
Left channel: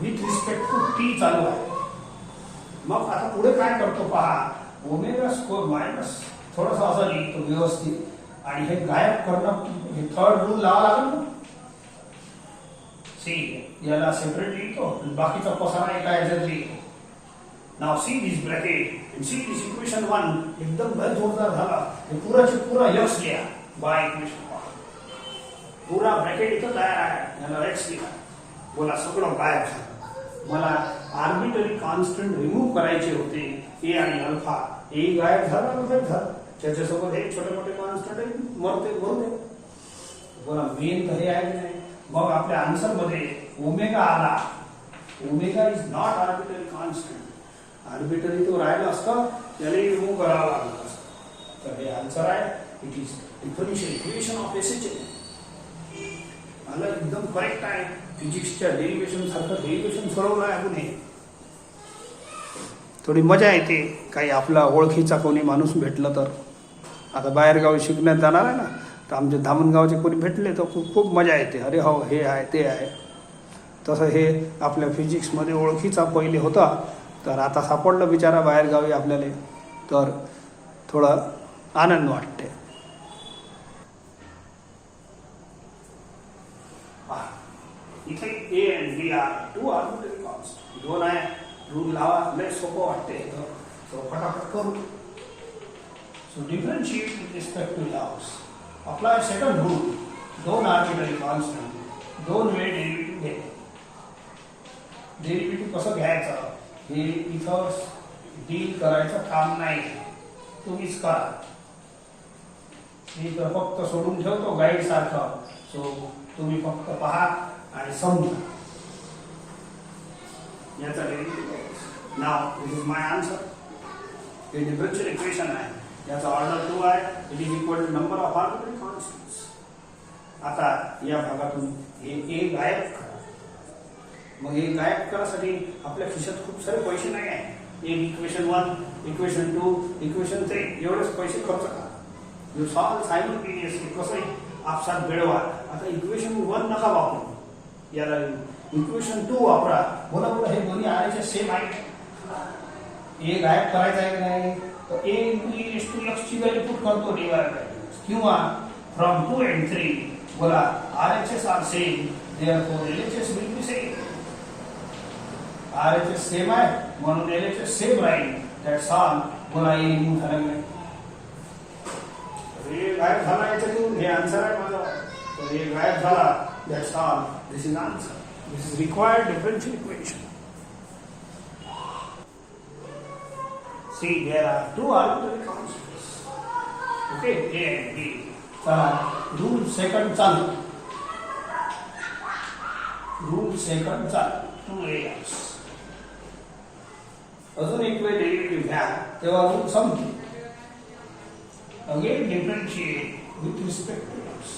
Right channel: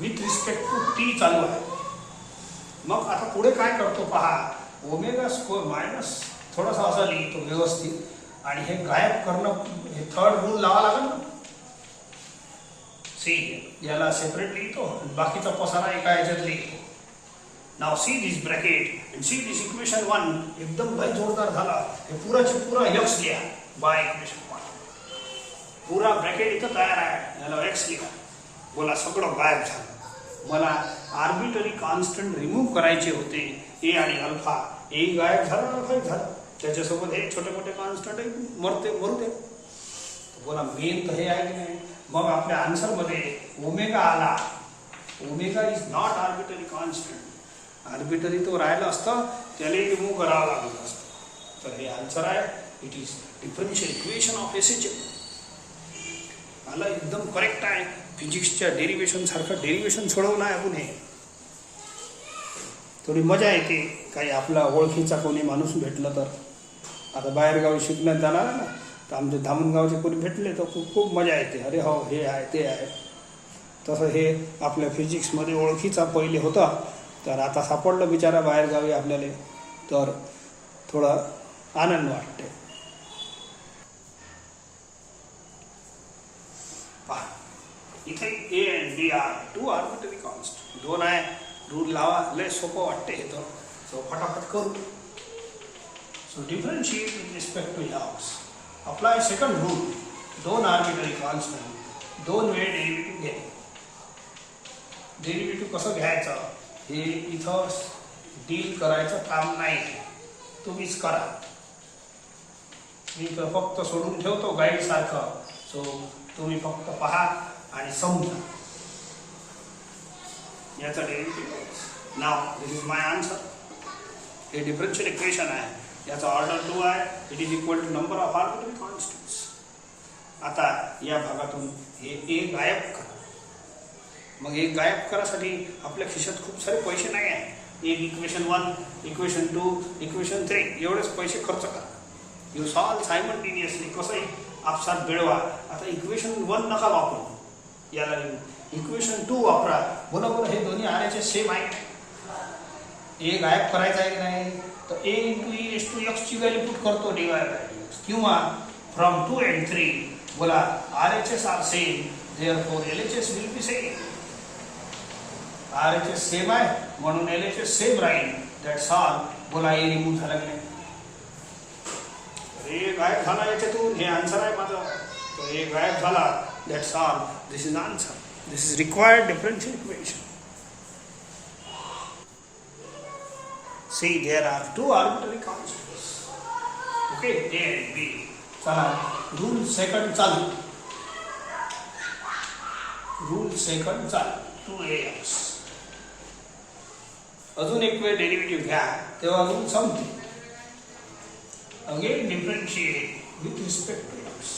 with respect to t चालू आहे. मग आता पुढे काय करतो पहा, ओमेगा स्क्वेअर मायनस थोडासा असा लिहितो व्यवस्थित, आणि हे गायब करणं, हे थर्ड रूल लावा लागेल ना. सी याला सेपरेट लिहितो, बाकीचा पसारा एका ह्याच्यात लिहितो. Now see this bracket and see this equation 1 एकदम लय जोरदार झाला. हे पुराचे पुरा एक्स लिहा बाय इक्वेशन 1. पुरा ब्रॅकेट इथं तयार आहे, याला एक्स लिहा. बोला सगळं गायब झालं. मला आर्बिटरी कॉन्स्टंट रिमूव्ह करायचे होते, ए आणि अल्फा. ए गायब झाला, अल्फा झाला, त्याच्यासोबत हे छोटे मोठे कॉन्स्टंट मरते. बोला मेन तर हे आहे की नाही. मग आपल्या आन्सर मध्ये ओमेगा आला. Omega is not arbitrary constant. Arbitrary तो राहिला असतं, त्याला रिमूव्ह करावं लागलं असतं. तर हे आन्सर आहे, it is differential equation of SHL. मला एकदम करेक्ट आहे. फिजिक्सच्या डेरिव्हेशन सारखं डेरिव्हेशन सोडवलं आहे आपण हे. थोडी मजा येते. काही आपला ओळखीचा कोणी माणूस भेटलं तर, आता बाहेरगावी शिकण्यात जाणार आहे ना, तर आमचे धामणगावचे कोणी भेटले तर खूप खूप मजा येते. अरे हो, हे आहे ते आहे. तसं हे आपल्या फिजिक्समध्ये ओळखीचा पहिले होता, तर आता सापडलं बिचारा बाहेरगावी आपल्याला, तर थोडा आनंद वाटते. इथे A and B are two arbitrary constant. दोन आहे, रूल लावा, लय सोपं वाटते हे तर. सो फटाफट करू. So differentiate with respect to loss. Apply second rule. दोन आर्बिट्ररी कॉन्स्टंट, दोन वेळ डेरिव्हेटिव्ह घे. डेरिव्हेटिव्ह कसं घ्यायचं हे इथं डील करायचं काम नाही, तुम्हीच करा. मी तर फक्त सोडून ठेवतो गाईड सारखं. सो तुम्ही फक्त पहा आणि समजा. याचा derivative now this is my answer. हे डिफरन्शियल इक्वेशन आहे, याचा ऑर्डर 2 आहे. It is equal to number of arbitrary constants. आता या भागातून हे ए गायब करा. मग हे गायब करासाठी आपल्या खिशात खूप सारे पैसे नाही आहे. एक इक्वेशन 1, इक्वेशन 2, इक्वेशन 3 एवढेच पैसे खर्च करा. You solve simultaneously. कसंही आपसात मिळवा. आता इक्वेशन 1 नका वापरू, याला इक्वेशन 2 वापरा. बरोबर, हे दोन्ही आल्याचे सेम आहे. ए गायब करायचं आहे की नाही, तर a into e s to x ची व्हॅल्यू पुट करतो डिवाइड बाय डी. किंवा फ्रॉम 2 and 3 बोला RHS are same, therefore LHS will be same. RHS same आहे म्हणून LHS सेम राहील. That's all. बोला ए रिमूव्ह झाला नाही, हे गायब झाला याच्यातून. हे आन्सर आहे माझं. तर हे गायब झाला. That's all. This is answer. This is required differential equation. See, there are two arbitrary constants. Okay, A and B. Rule second चालू. Rule second चालू. 2AX. अजून एक वेळ डेरिव्हेटिव्ह घ्या तेव्हा रूल संपते. Again differentiate with respect to x.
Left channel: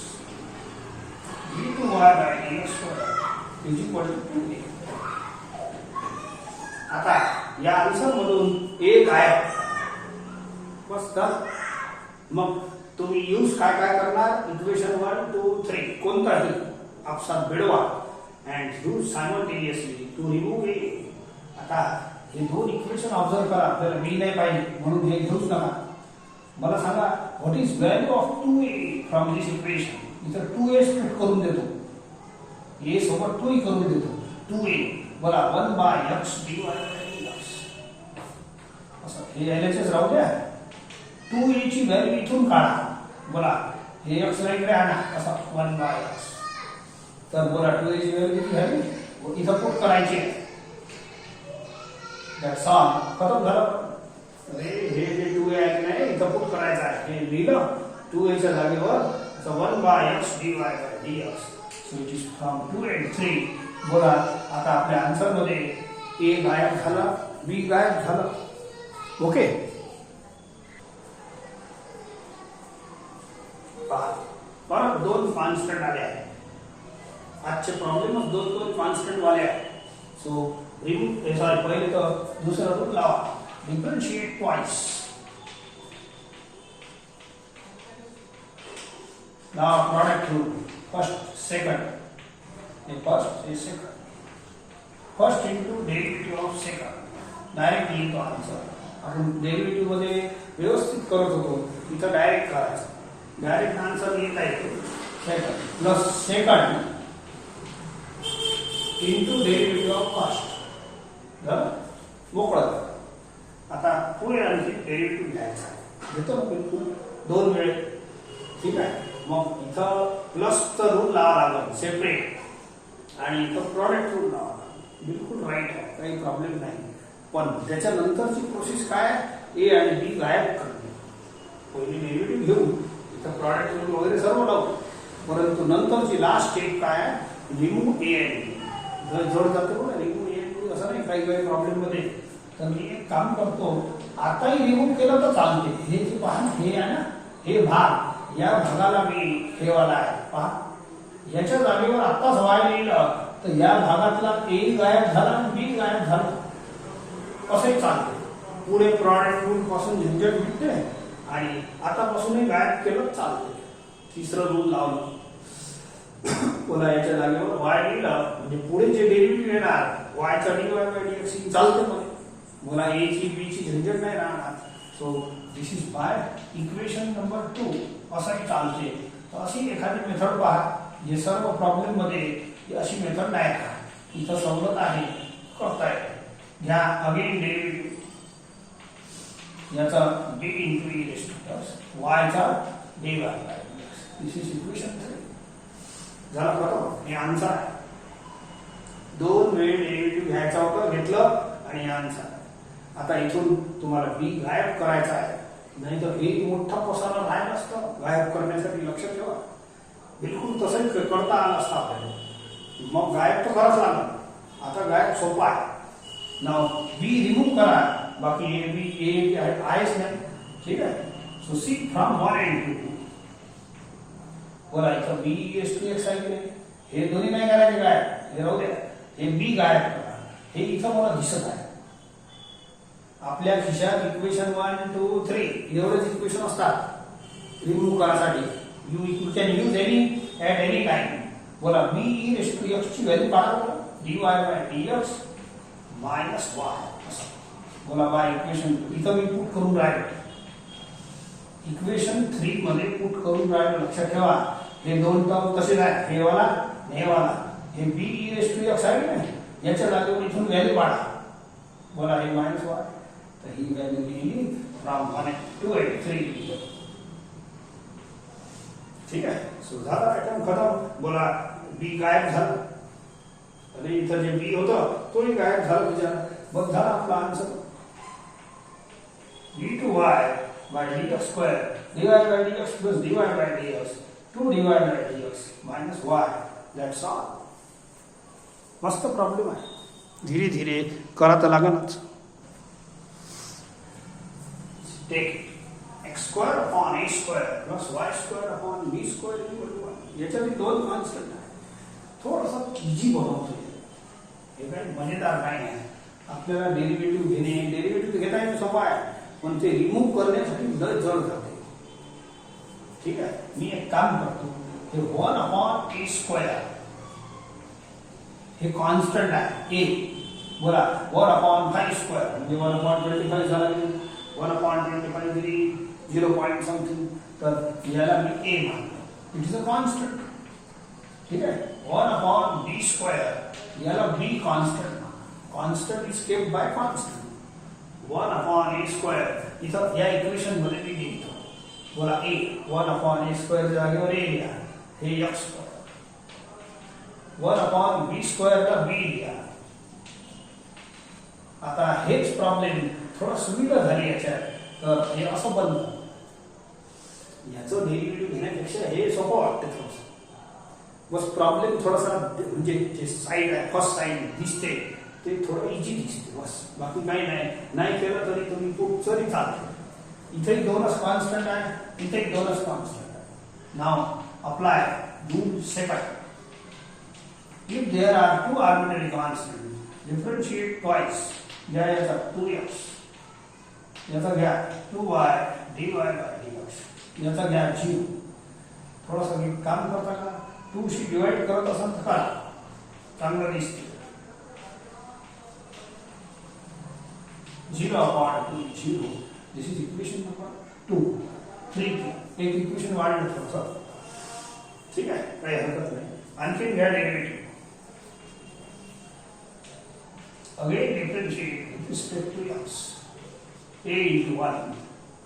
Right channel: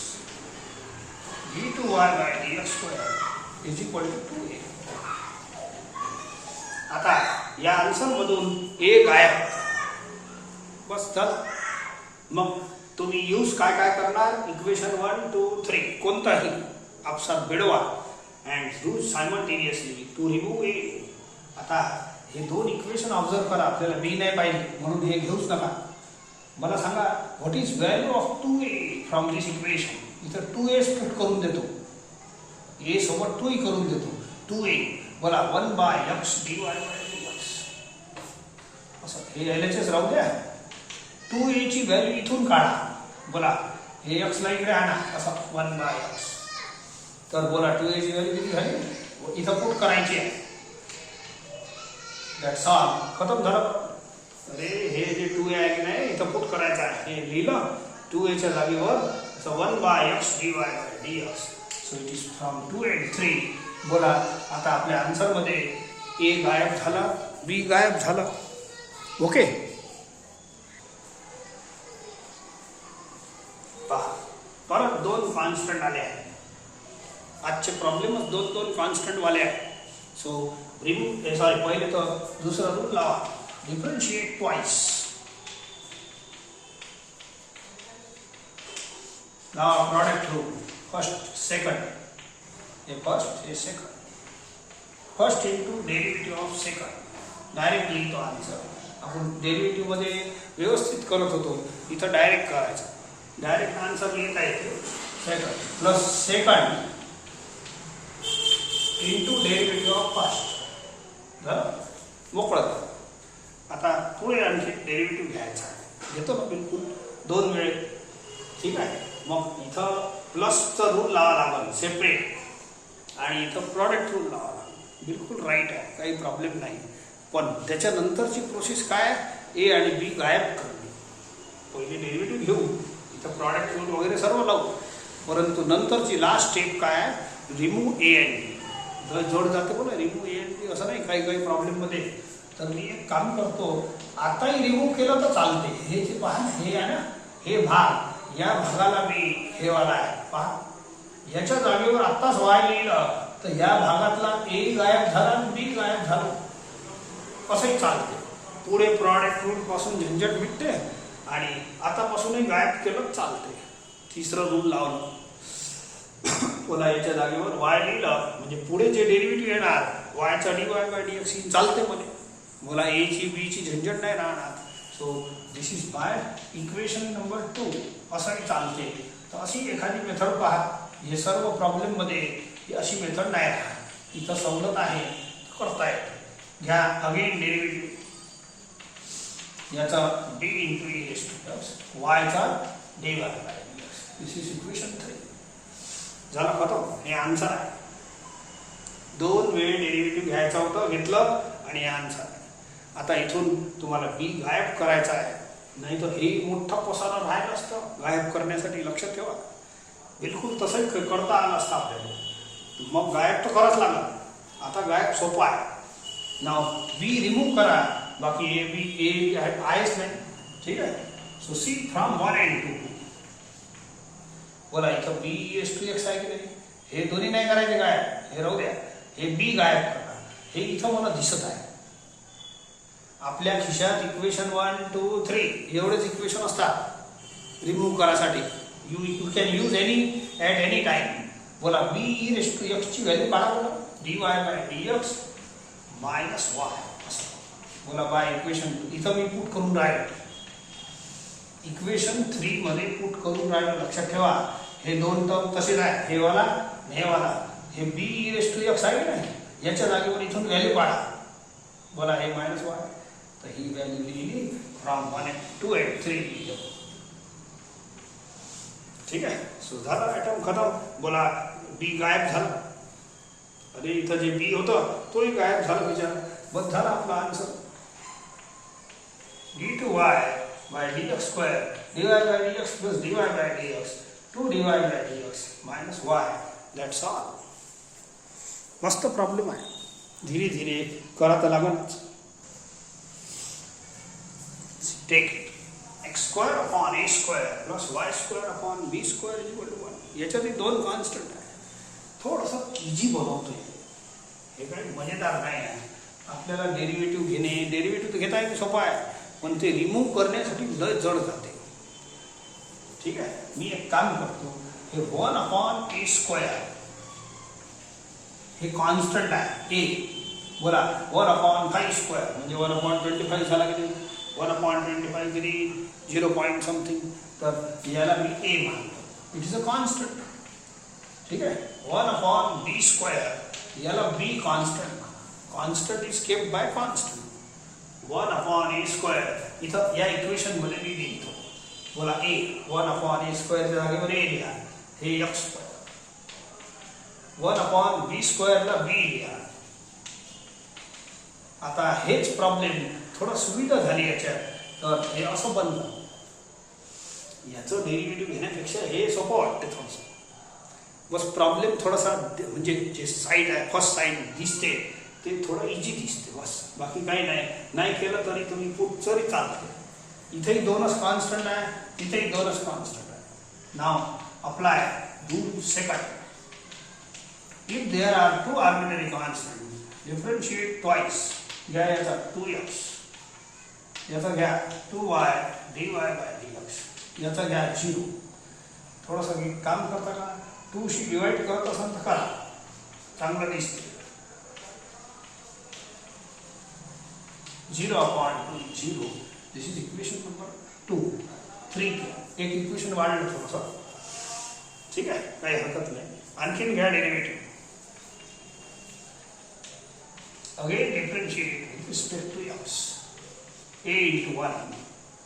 d2y by dx square is equal to 2a. आता या आन्सर मधून ए गायब. बस झालं. मग तुम्ही यूज काय काय करणार, इक्वेशन 1, 2, 3 कोणताही आपसात मिळवा and use simultaneously to remove a. आता हे दोन इक्वेशन ऑब्झर्व करा. आपल्याला बी नाही पाहिजे म्हणून हे घेऊच नका. मला सांगा what is value of 2a from this equation. इथं 2a स्प्लिट करून देतो, ए सोबत 2 करून देतो. 2a बोला 1 by x dy by dx. असं हे LHS राहू द्या. 2a ची व्हॅल्यू इथून काढा. बोला हे x ला इकडे आणा. असं 1 by x. तर बोला 2a ची व्हॅल्यू किती झाली, इथं पुट करायची आहे. That's all. खतम झालं. हे जे 2a आहे की नाही इथं पुट करायचं आहे. हे लिहिलं 2a च्या जागेवर असं 1 by x dy by dx. So it is from 2 and 3. बोला आता आपल्या आन्सर मध्ये ए गायब झाला, बी गायब झालं. ओके. परत दोन कॉन्स्टंट आले आहेत. आजचे प्रॉब्लेमच दोन कॉन्स्टंट वाले आहेत. सो रिमूव्ह सॉरी पहिले तर दुसरा रूल लावा. Differentiate twice. Now product rule. First second. First is second. First into derivative of second. Direct लिहितो आन्सर. आपण डेरिव्हेटिव्ह मध्ये व्यवस्थित करत होतो, इथं डायरेक्ट करायचं. डायरेक्ट आन्सर लिहिता येतो. Second plus second into derivative of first. मोकळं. आता पुढे आणखी डेरिव्हेटिव्ह घ्यायचा. घेतो ना बिलकुल 2 वेळ. ठीक आहे. मग इथं प्लसचा रूल लावा लागेल सेपरेट आणि इथं प्रॉडक्ट रूल लावा. बिलकुल राईट आहे, काही प्रॉब्लेम नाही. पण त्याच्यानंतरची प्रोसेस काय आहे, ए आणि बी गायब करणे. पहिले डेरिव्हेटिव्ह घेऊ, इथं प्रॉडक्ट रूल वगैरे सर्व लावू. परंतु नंतरची लास्ट स्टेप काय आहे, रिमूव्ह ए आणि बी. जोड जाते बोला रिमूव्ह ए आणि बी. असं नाही काही प्रॉब्लेममध्ये. तर मी एक काम करतो, आताही रिमूव्ह केलं तर चालते. हे जे पहा हे आहे ना, हे भाग, या भागाला मी हे वाला आहे पहा, याच्या जागेवर आत्ताच वाय लिहिलं तर या भागातला ए गायब झाला आणि बी गायब झाला. कसंही चालते. पुढे प्रॉडक्ट रूल पासून झंझट मिटते आणि आतापासूनही गायब केलं चालते. तिसरं रूल लावलं, पुन्हा याच्या जागेवर वाय लिहिलं म्हणजे पुढे जे डेरिव्हेटिव्ह येणार वायचा डीवाय बाय डीएक्स ही चालते पण मला ए ची बी ची झंझट नाही राहणार. So this is by equation number 2 असाही चालते. तर अशी एखादी मेथड पहा. हे सर्व प्रॉब्लेम मध्ये अशी मेथड नाही राहत. इथं सवलत आहे करता येते. घ्या अगेन डेरिव्हेटिव्ह याचा b into e raise to plus वायचा dy by dx. This is equation 3. झाला खतम. हे आन्सर आहे. 2 वेळ डेरिव्हेटिव्ह घ्यायचा होता, घेतलं आणि हे आन्सर आहे. आता इथून तुम्हाला b गायब करायचा आहे, नाही तर हे मोठा पसारा राहिला असतं गायब करण्यासाठी. लक्ष ठेवा, बिलकुल तसंच करता आलं असतं आपल्याला. मग गायब तर करावंच लागलं. आता गायब सोपा आहे. नाव b रिमूव्ह करा, बाकी ए बी आहेच नाही. ठीक आहे. सो सी फ्रॉम 1 and 2 बोला इथं बी एस टू एक्स आहे की नाही, हे दोन्ही नाही करायचे काय, हे राहू द्या. हे बी गायब करा. हे इथं मला दिसत आहे. आपल्या खिशात इक्वेशन 1 2 3 एवढेच इक्वेशन असतात रिमूव्ह करायसाठी. You can use any at any time. बोला b E raise to x ची व्हॅल्यू काढा. बोला d y by d x minus y असं. बोला बाय इक्वेशन इथं मी पुट करून राहिलो. इक्वेशन 3 मध्ये पुट करून राहिलो. लक्षात ठेवा हे दोन टर्म तसेच आहेत. हे वाला हे वाला. हे B E raise to X आहे ना, याच्या जागेवर इथून व्हॅल्यू काढा. बोला हे मायनस वाय. तर ही व्हॅल्यू लिहिली फ्रॉम 1 2 and 3. ठीक आहे. सो झाला ॲटम खतम. बोला बी गायब झाला आणि इथं जे बी होतं तोही गायब झाला. विचार बघ झाला आपला answer. D two Y by dx square dy by dx plus dy by dx 2 dy by dx minus y. That's all. मस्त प्रॉब्लेम आहे. धीरे धीरे करा तर लागणच. Take it x square upon a square plus y square upon b square equal to 1. याच्यात दोन constant आहे. थोडंसं इजी बनवतोय. हे काही मजेदार नाही आहे. आपल्याला डेरिव्हेटिव्ह घेणे, डेरिव्हेटिव्ह घेता येणं सोपं आहे पण ते रिमूव्ह करण्यासाठी लय जड जाते. ठीक आहे. मी एक काम करतो. हे 1 अपॉन ए स्क्वेअर हे कॉन्स्टंट आहे ए. बोला 1 अपॉन 5 स्क्वेअर म्हणजे 1 अपॉन 25 झाला की 1 अपॉन 25 किती 0 पॉइंट समथिंग. तर याला मी ए मानतो विच इज अ कॉन्स्टंट. ठीक आहे. 1 अपॉन बी स्क्वेअर याला b constant. Constant is kept by constant. 1 upon a square इथं या इक्वेशन मध्ये मी लिहितो. बोला ए 1 अपॉन ए स्क्वेअर जागेवर ए लिहा. हे एक्स स्क्वेअर. 1 अपॉन बी स्क्वेअरला बी लिहा. आता हेच प्रॉब्लेम थोडा सुविधा झाली याच्यात. तर हे असं बनतं. याचं डेरिव्हेटिव्ह घेण्यापेक्षा हे सोपं वाटतं थोडंसं. बस प्रॉब्लेम थोडासा म्हणजे जे साईड आहे फर्स्ट साईड दिसते ते थोडं इजी दिसते बस. बाकी काही नाही. नाही केलं तरी तुम्ही पुट तरी चालते. इथेही दोनच कॉन्स्टंट आहे, इथेही दोनच कॉन्स्टंट आहे. Now apply do second. If there are 2 arbitrary constant differentiate twice. घ्या याचा 2x, याचा घ्या 2y dy बाय dx, याचा घ्या 0. थोडंसं काम करता का 2 शी डिवाइड करत असाल तर करा, चांगलं दिसते. 0 upon 2 0. This is equation number 2. 3 एक इक्वेशन वाढलं थोडंसं. ठीक आहे, काही हरकत नाही. आणखीन घ्या derivative. Again differentiate with respect to x a into 1.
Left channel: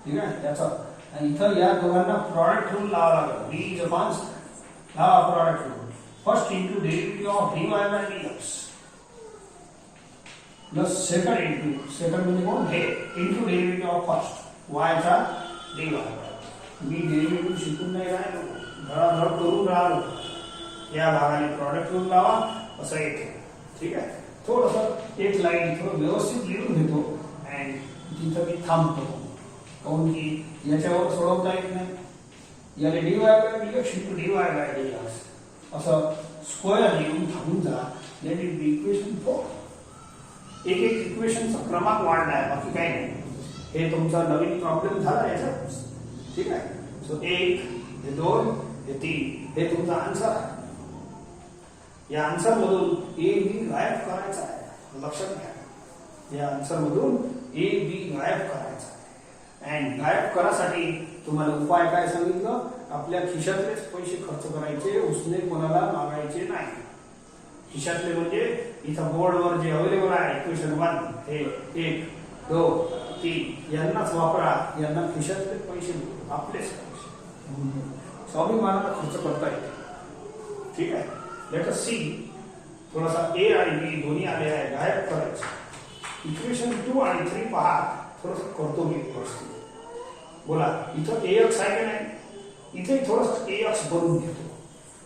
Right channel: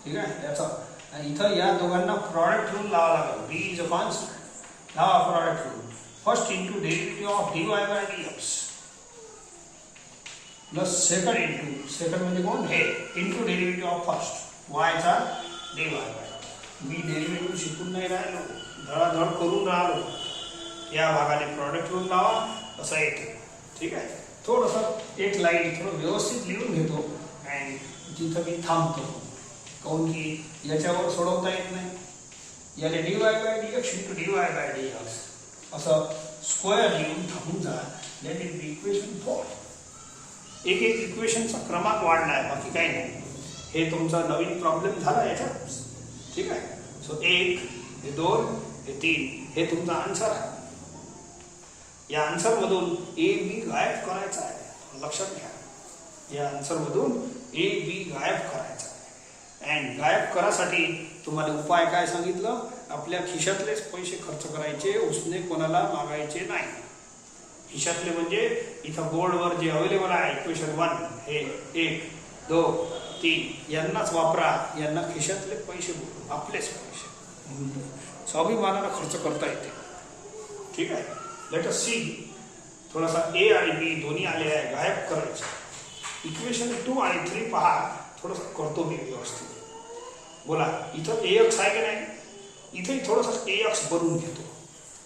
ठीक आहे. याचा आणि इथं या दोघांना प्रॉडक्ट रूल लावा लागेल. b is a constant. लावा product rule. First into derivative of dy by dx plus second into second म्हणजे कोण हे into derivative of first y चा dy. मी डेरिव्हेटिव्ह शिकून नाही राहिलो, धडाधड करून राहिलो. या भागाने प्रॉडक्ट रूल लावा असं येते. ठीक आहे. थोडंसं एक लाईन थोडं व्यवस्थित लिहून घेतो आणि तिथं मी थांबतो. काऊन की याच्यावर सोडवता येत नाही. याने dy by dx into dy by dx असं स्क्वेअर लिहून थांबून जा. That is the equation 4. एक एक इक्वेशनचा क्रमांक वाढला आहे, बाकी काही नाही. हे तुमचा नवीन प्रॉब्लेम झाला याच्यात, ठीक आहे. सो 1 हे 2 हे 3 हे तुमचा आन्सर आहे. या आन्सर मधून ए बी गायब करायचा आहे, लक्षात घ्या. या आन्सर मधून ए बी गायब करायचा आहे. अँड गायब करासाठी तुम्हाला उपाय काय सांगितलं, आपल्या खिशातलेच पैसे खर्च करायचे, उसने कोणाला मागायचे नाही. खिशातले म्हणजे इथं बोर्डवर जे अवेलेबल आहे इक्वेशन 1 हे 1 2 3 यांनाच वापरा. यांना खिशातले पैसे, आपलेच पैसे स्वाभिमानाला खर्च करता येते, ठीक आहे. Let us see. थोडासा ए आणि बी दोन्ही आले आहे, गायब करायचे. इक्वेशन 2 आणि 3 पहा, थोडंसं करतो मी व्यवस्थित. बोला, इथं AX आहे की नाही, इथे थोडंसं AX बनवून घेतो.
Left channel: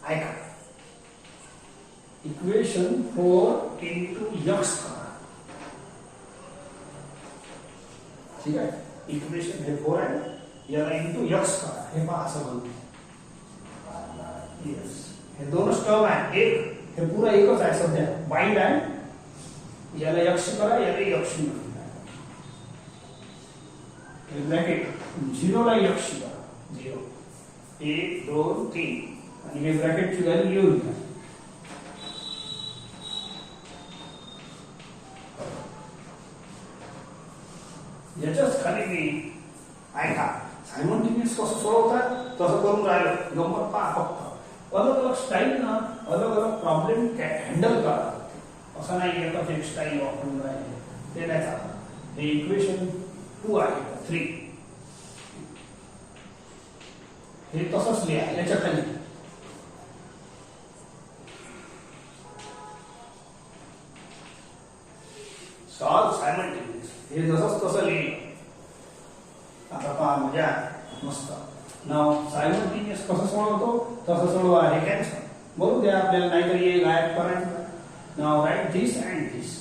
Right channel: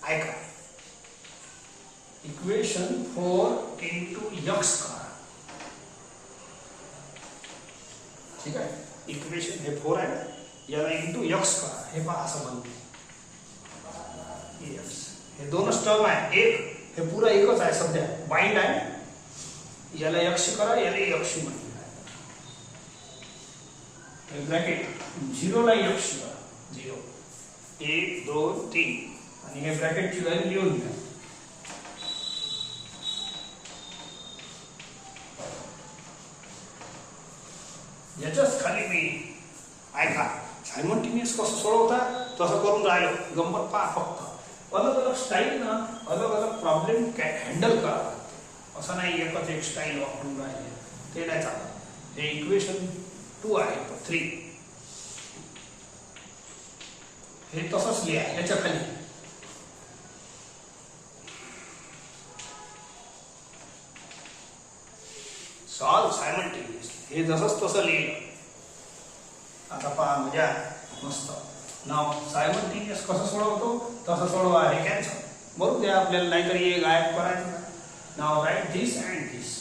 ऐका, इक्वेशन 4 into x करा, ठीक आहे. इक्वेशन हे 4 आहे, याला इंटू x करा. हे पहा असं बनते. यस, हे दोनच टर्म आहे. एक हे पुरा एकच आहे, सध्या बाइंड आहे. याला x करा, याला x म्हणा. हे ब्रॅकेट 0 ला x करा, 0 1 2 3 आणि हे ब्रॅकेटची व्हॅल्यू लिहून घ्या. याच्याच खाली मी ऐका सायमल्टेनियस कसं सोडवतात तसं करून राहिलो. गंमत पहा फक्त. अलग अलग स्टाईल ना, अलग अलग प्रॉब्लेम हँडल करा. असं नाही एकच एक स्टाईल वापरून राहिले, ते नाही चालत. हे इक्वेशन 2 आहे 3 हे तसंच लिहा. याच्या खाली सॉल्व सायमल्टेनियस, हे जसंच तसं लिहिलं. आता पहा मजा मस्त. नाव सायमल्टेनियस कसं सोडवतो तसं सोडवा. हे कॅन्सल बरोबर द्या आपल्याला, नाहीतर हे गायब करायचं. Now write this and this.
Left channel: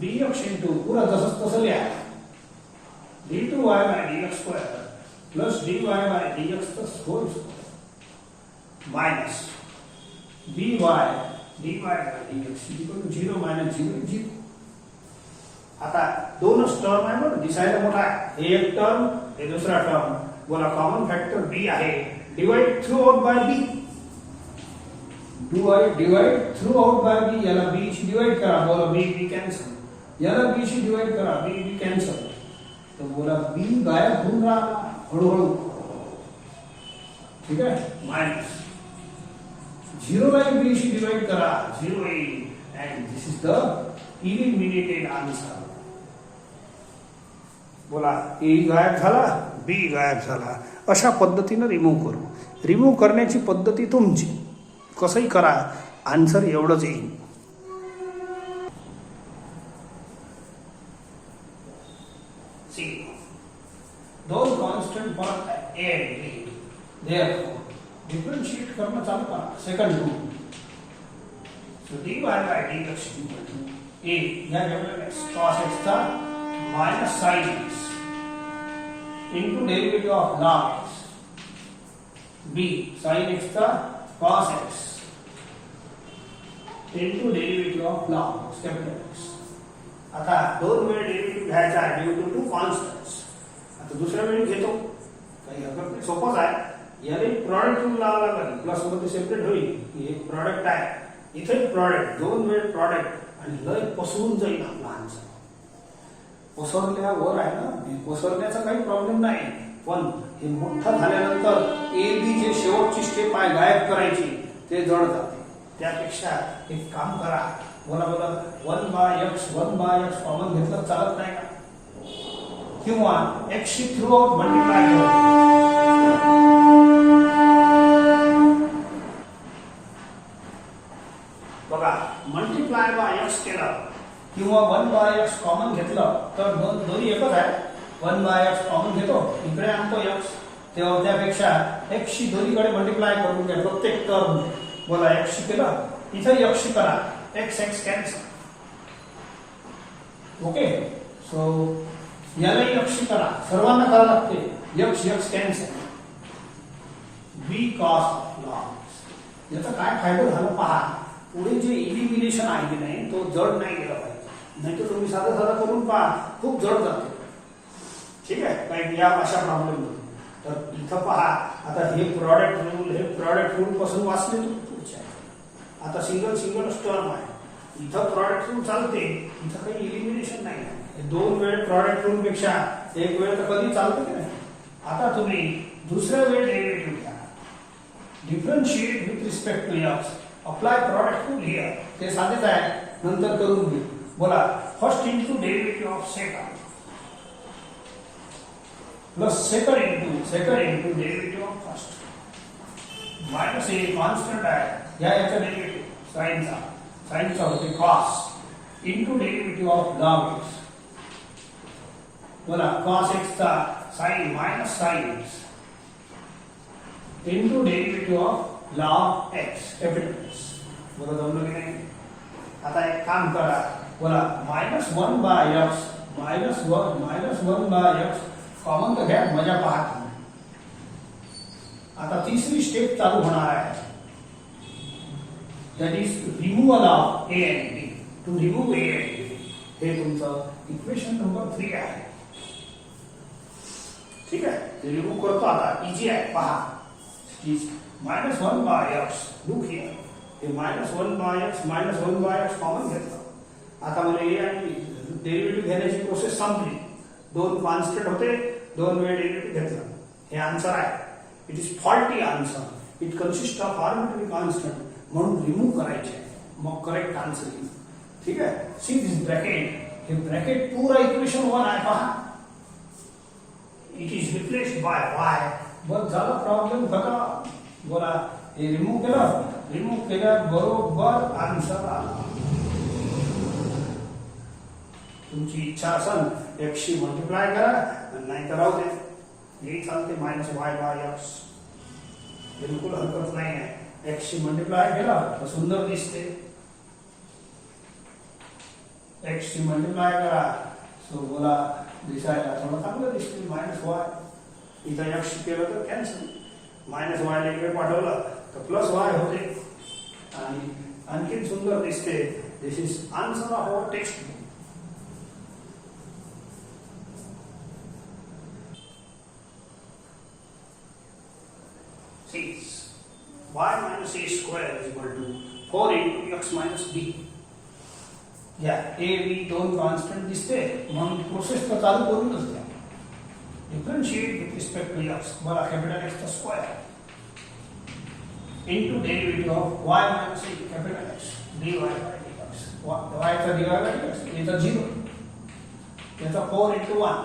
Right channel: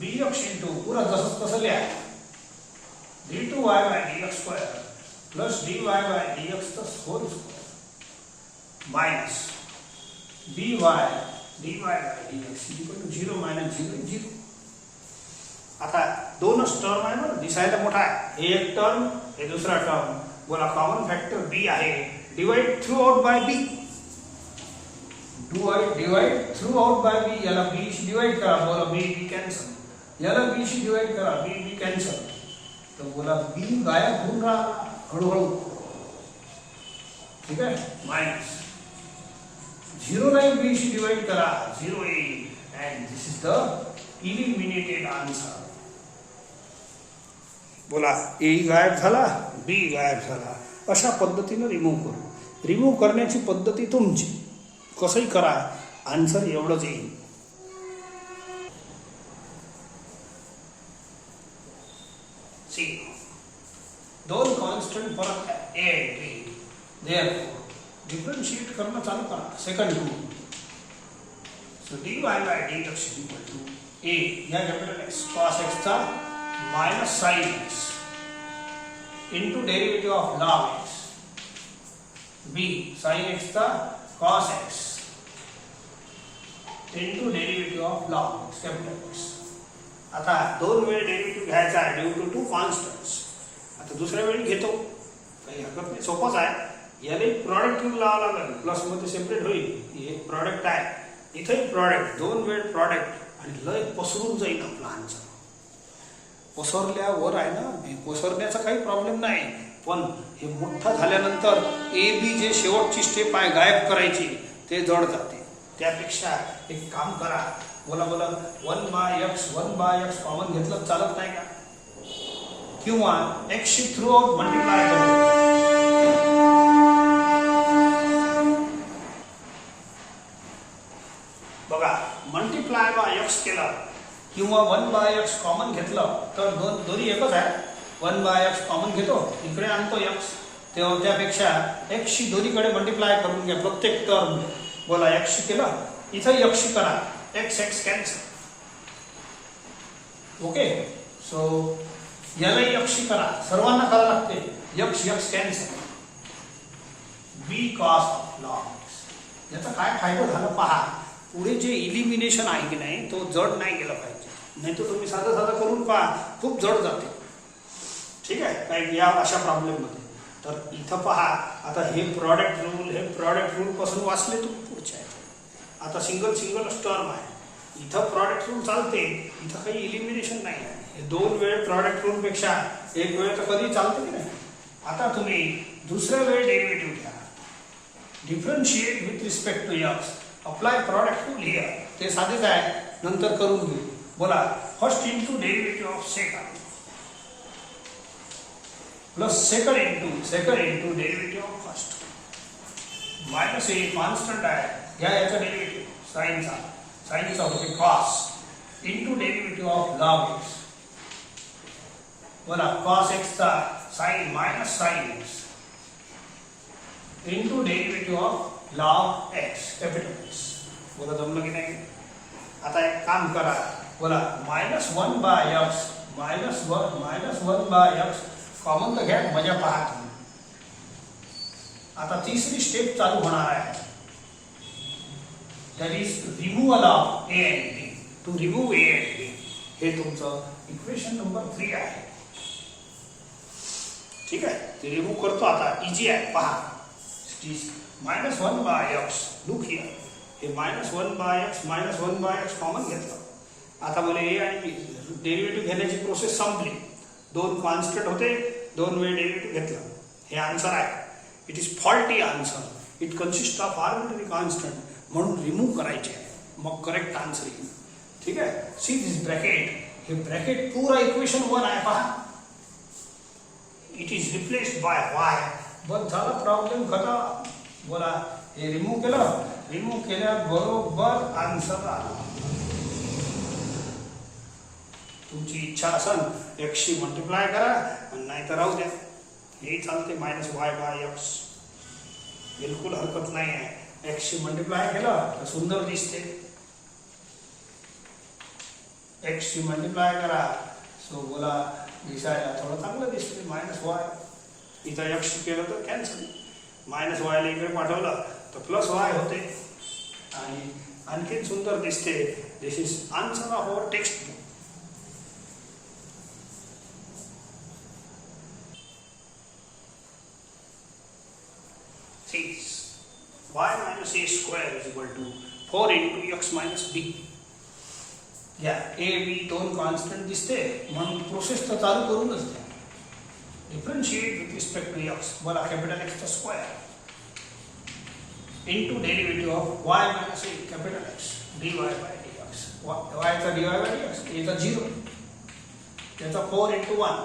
bx into पुरा जसंच तसं लिहा. d2y by dx square plus dy by dx तर whole square minus dy dy by dx equal to 0 minus 0 0. आता दोनच टर्म आहे बरं, दिसायला मोठा आहे. हे एक टर्म, हे दुसरा टर्म. बोला, कॉमन फॅक्टर b आहे. Divide through out by b. Divide through out by b. याला b शी डिवाइड करा. बोला b कॅन्सल. याला b शी डिवाइड करा. b cancel. तर बोला b गायब होऊन राहिला हळूहळू, ठीक आहे. मायनस 0 ला b शी डिवाइड करा, 0 येईल. And this is the eliminated answer. बोला, ए गायब झाला, बी गायब झाला. अशा पद्धतीनं रिमूव्ह करू. रिमूव्ह करण्याची पद्धती तुमची, कसंही करा, आन्सर एवढंच येईल. सी, दोन कॉन्स्टंट फरक आहे ए आणि बी. देयरफॉर डिफरन्शिएट करणं चालू करा. Second rule. So dy by dx equal to a या कॅपिटल x cos x चा minus sin x into derivative of log x. b sin x चा cos x into derivative of log x capital x. आता दोन वेळ derivative घ्यायचा आहे due to 2 constants. आता दुसऱ्या वेळी घेतो, काही हरकत नाही, सोपंच आहे. याने प्रॉडक्ट लावावं लागेल, प्लस मध्ये सेपरेट होईल. हे प्रॉडक्ट आहे, इथे प्रॉडक्ट, दोन वेळ प्रॉडक्ट, आणि लय पसरून जाईल आपला आन्सर. पसरल्यावर आहे ना, पसरण्याचा काही प्रॉब्लेम नाही, पण हे मोठा झाल्यानंतर ए बी जे शेवटची स्टेप आहे गायब करायची, ते जड जाते. त्यापेक्षा एक काम करा. बोला 1 बाय x कॉमन घेतलं चालत नाही का? किंवा x she threw out multiply करा. बघा, मल्टिप्लाय बाय x केलं किंवा 1 बाय x कॉमन घेतलं तर दोन्ही एकच आहे. 1 बाय x कॉमन घेतो, इकडे आणतो x, तेव्हा त्यापेक्षा x शी दोन्हीकडे मल्टिप्लाय करून घ्या प्रत्येक टर्म. बोला, x शी केलं, इथं x शी करा, x कॅन्सल. ओके, सो याला x शी करा, सर्वांना करावं लागते. x cancel. b cos log x. याचा काय फायदा झाला पहा. पुढे जे इलिमिनेशन आहे की नाही, तो जड नाही गेला पाहिजे. नाही तर तुम्ही साधा करून पहा, खूप जड जाते. ठीक आहे, काय या अशा प्रॉब्लेममध्ये. तर इथं पहा, आता हे प्रॉडक्ट रूल पासून वाचले तुम्ही पुढच्या. आता सिंगल टर्म आहे, इथं प्रॉडक्ट रूल चालते, इथं काही इलिमिनेशन नाही आहे. हे 2 वेळ प्रॉडक्ट रूल पेक्षा 1 वेळ तर कधी चालते की नाही. आता तुम्ही दुसऱ्या वेळ डेरिव्हेटिव्ह घ्या, differentiate with respect to x, apply product rule here. ते साधेच आहे, नंतर करून घेऊ. बोला, first into derivative of second plus second into derivative of first minus हे कॉन्स्टंट आहे याचा डेरिव्हेटिव्ह साइनचा होते cos into derivative of log x. बोला, कॉस एक्स चा sine minus sine x into derivative of log x capital x. बोला, जमलं की नाही. आता एक काम करा, बोला -1 by x -1 by x common तर घ्या, मजा पहा तुम्ही. आता तिसरी स्टेप चालू होणार आहे, that is removal of a and b. To remove a and b, हे तुमचं इक्वेशन नंबर 3 आहे. ठीक आहे, ते रिमूव्ह करतो. आता इजी आहे, पहा. -1 बाय एक्स, लुक हिअर, हे -1 बाय एक्स कॉमन घेतलं. आता मला ए आणि डेरिव्हेटिव्ह घेण्याची प्रोसेस संपली. 2 कॉन्स्टंट होते, 2 वेळ डेरिव्हेटिव्ह घेतलं. हे आन्सर आहे. It is faulty answer. It consist of arbitrary constant, म्हणून रिमूव्ह करायचे आहे, मग करेक्ट आन्सर येईल. ठीक आहे, सी दिस ब्रॅकेट, हे ब्रॅकेट पूरा इक्वेशन 1 आहे, पहा. It is replaced by y. बस झाला, प्रॉब्लेम खतम. बोला, हे रिमूव्ह केल्याबरोबर आन्सर आला. तुमची इच्छा असेल एक्सशी मल्टिप्लाय करा, नाही तर राहू द्या, हे चालते. -y बाय एक्स बिलकुल हरकत नाही आहे. एक्सशी मल्टिप्लाय केला तर सुंदर दिसते. एक्सशी मल्टिप्लाय करा, सो बोला दिसायला थोडं चांगलं दिसते. -y इथं एक्स केलं तर कॅन्सल, -y ला इकडे पाठवलं तर +y होते आणि आणखी सुंदर दिसते. This is answer of our textbook. y minus a square is equal to 4 into x minus b. या a b 2 कॉन्स्टंट दिसते, म्हणून प्रोसेस तर चालू करूनच द्या. Differentiate with respect to x, बोला कॅपिटल x चा square into derivative of y minus a capital x dy by dx. y चा dy by dx, a चा 0, याचा 4 into 1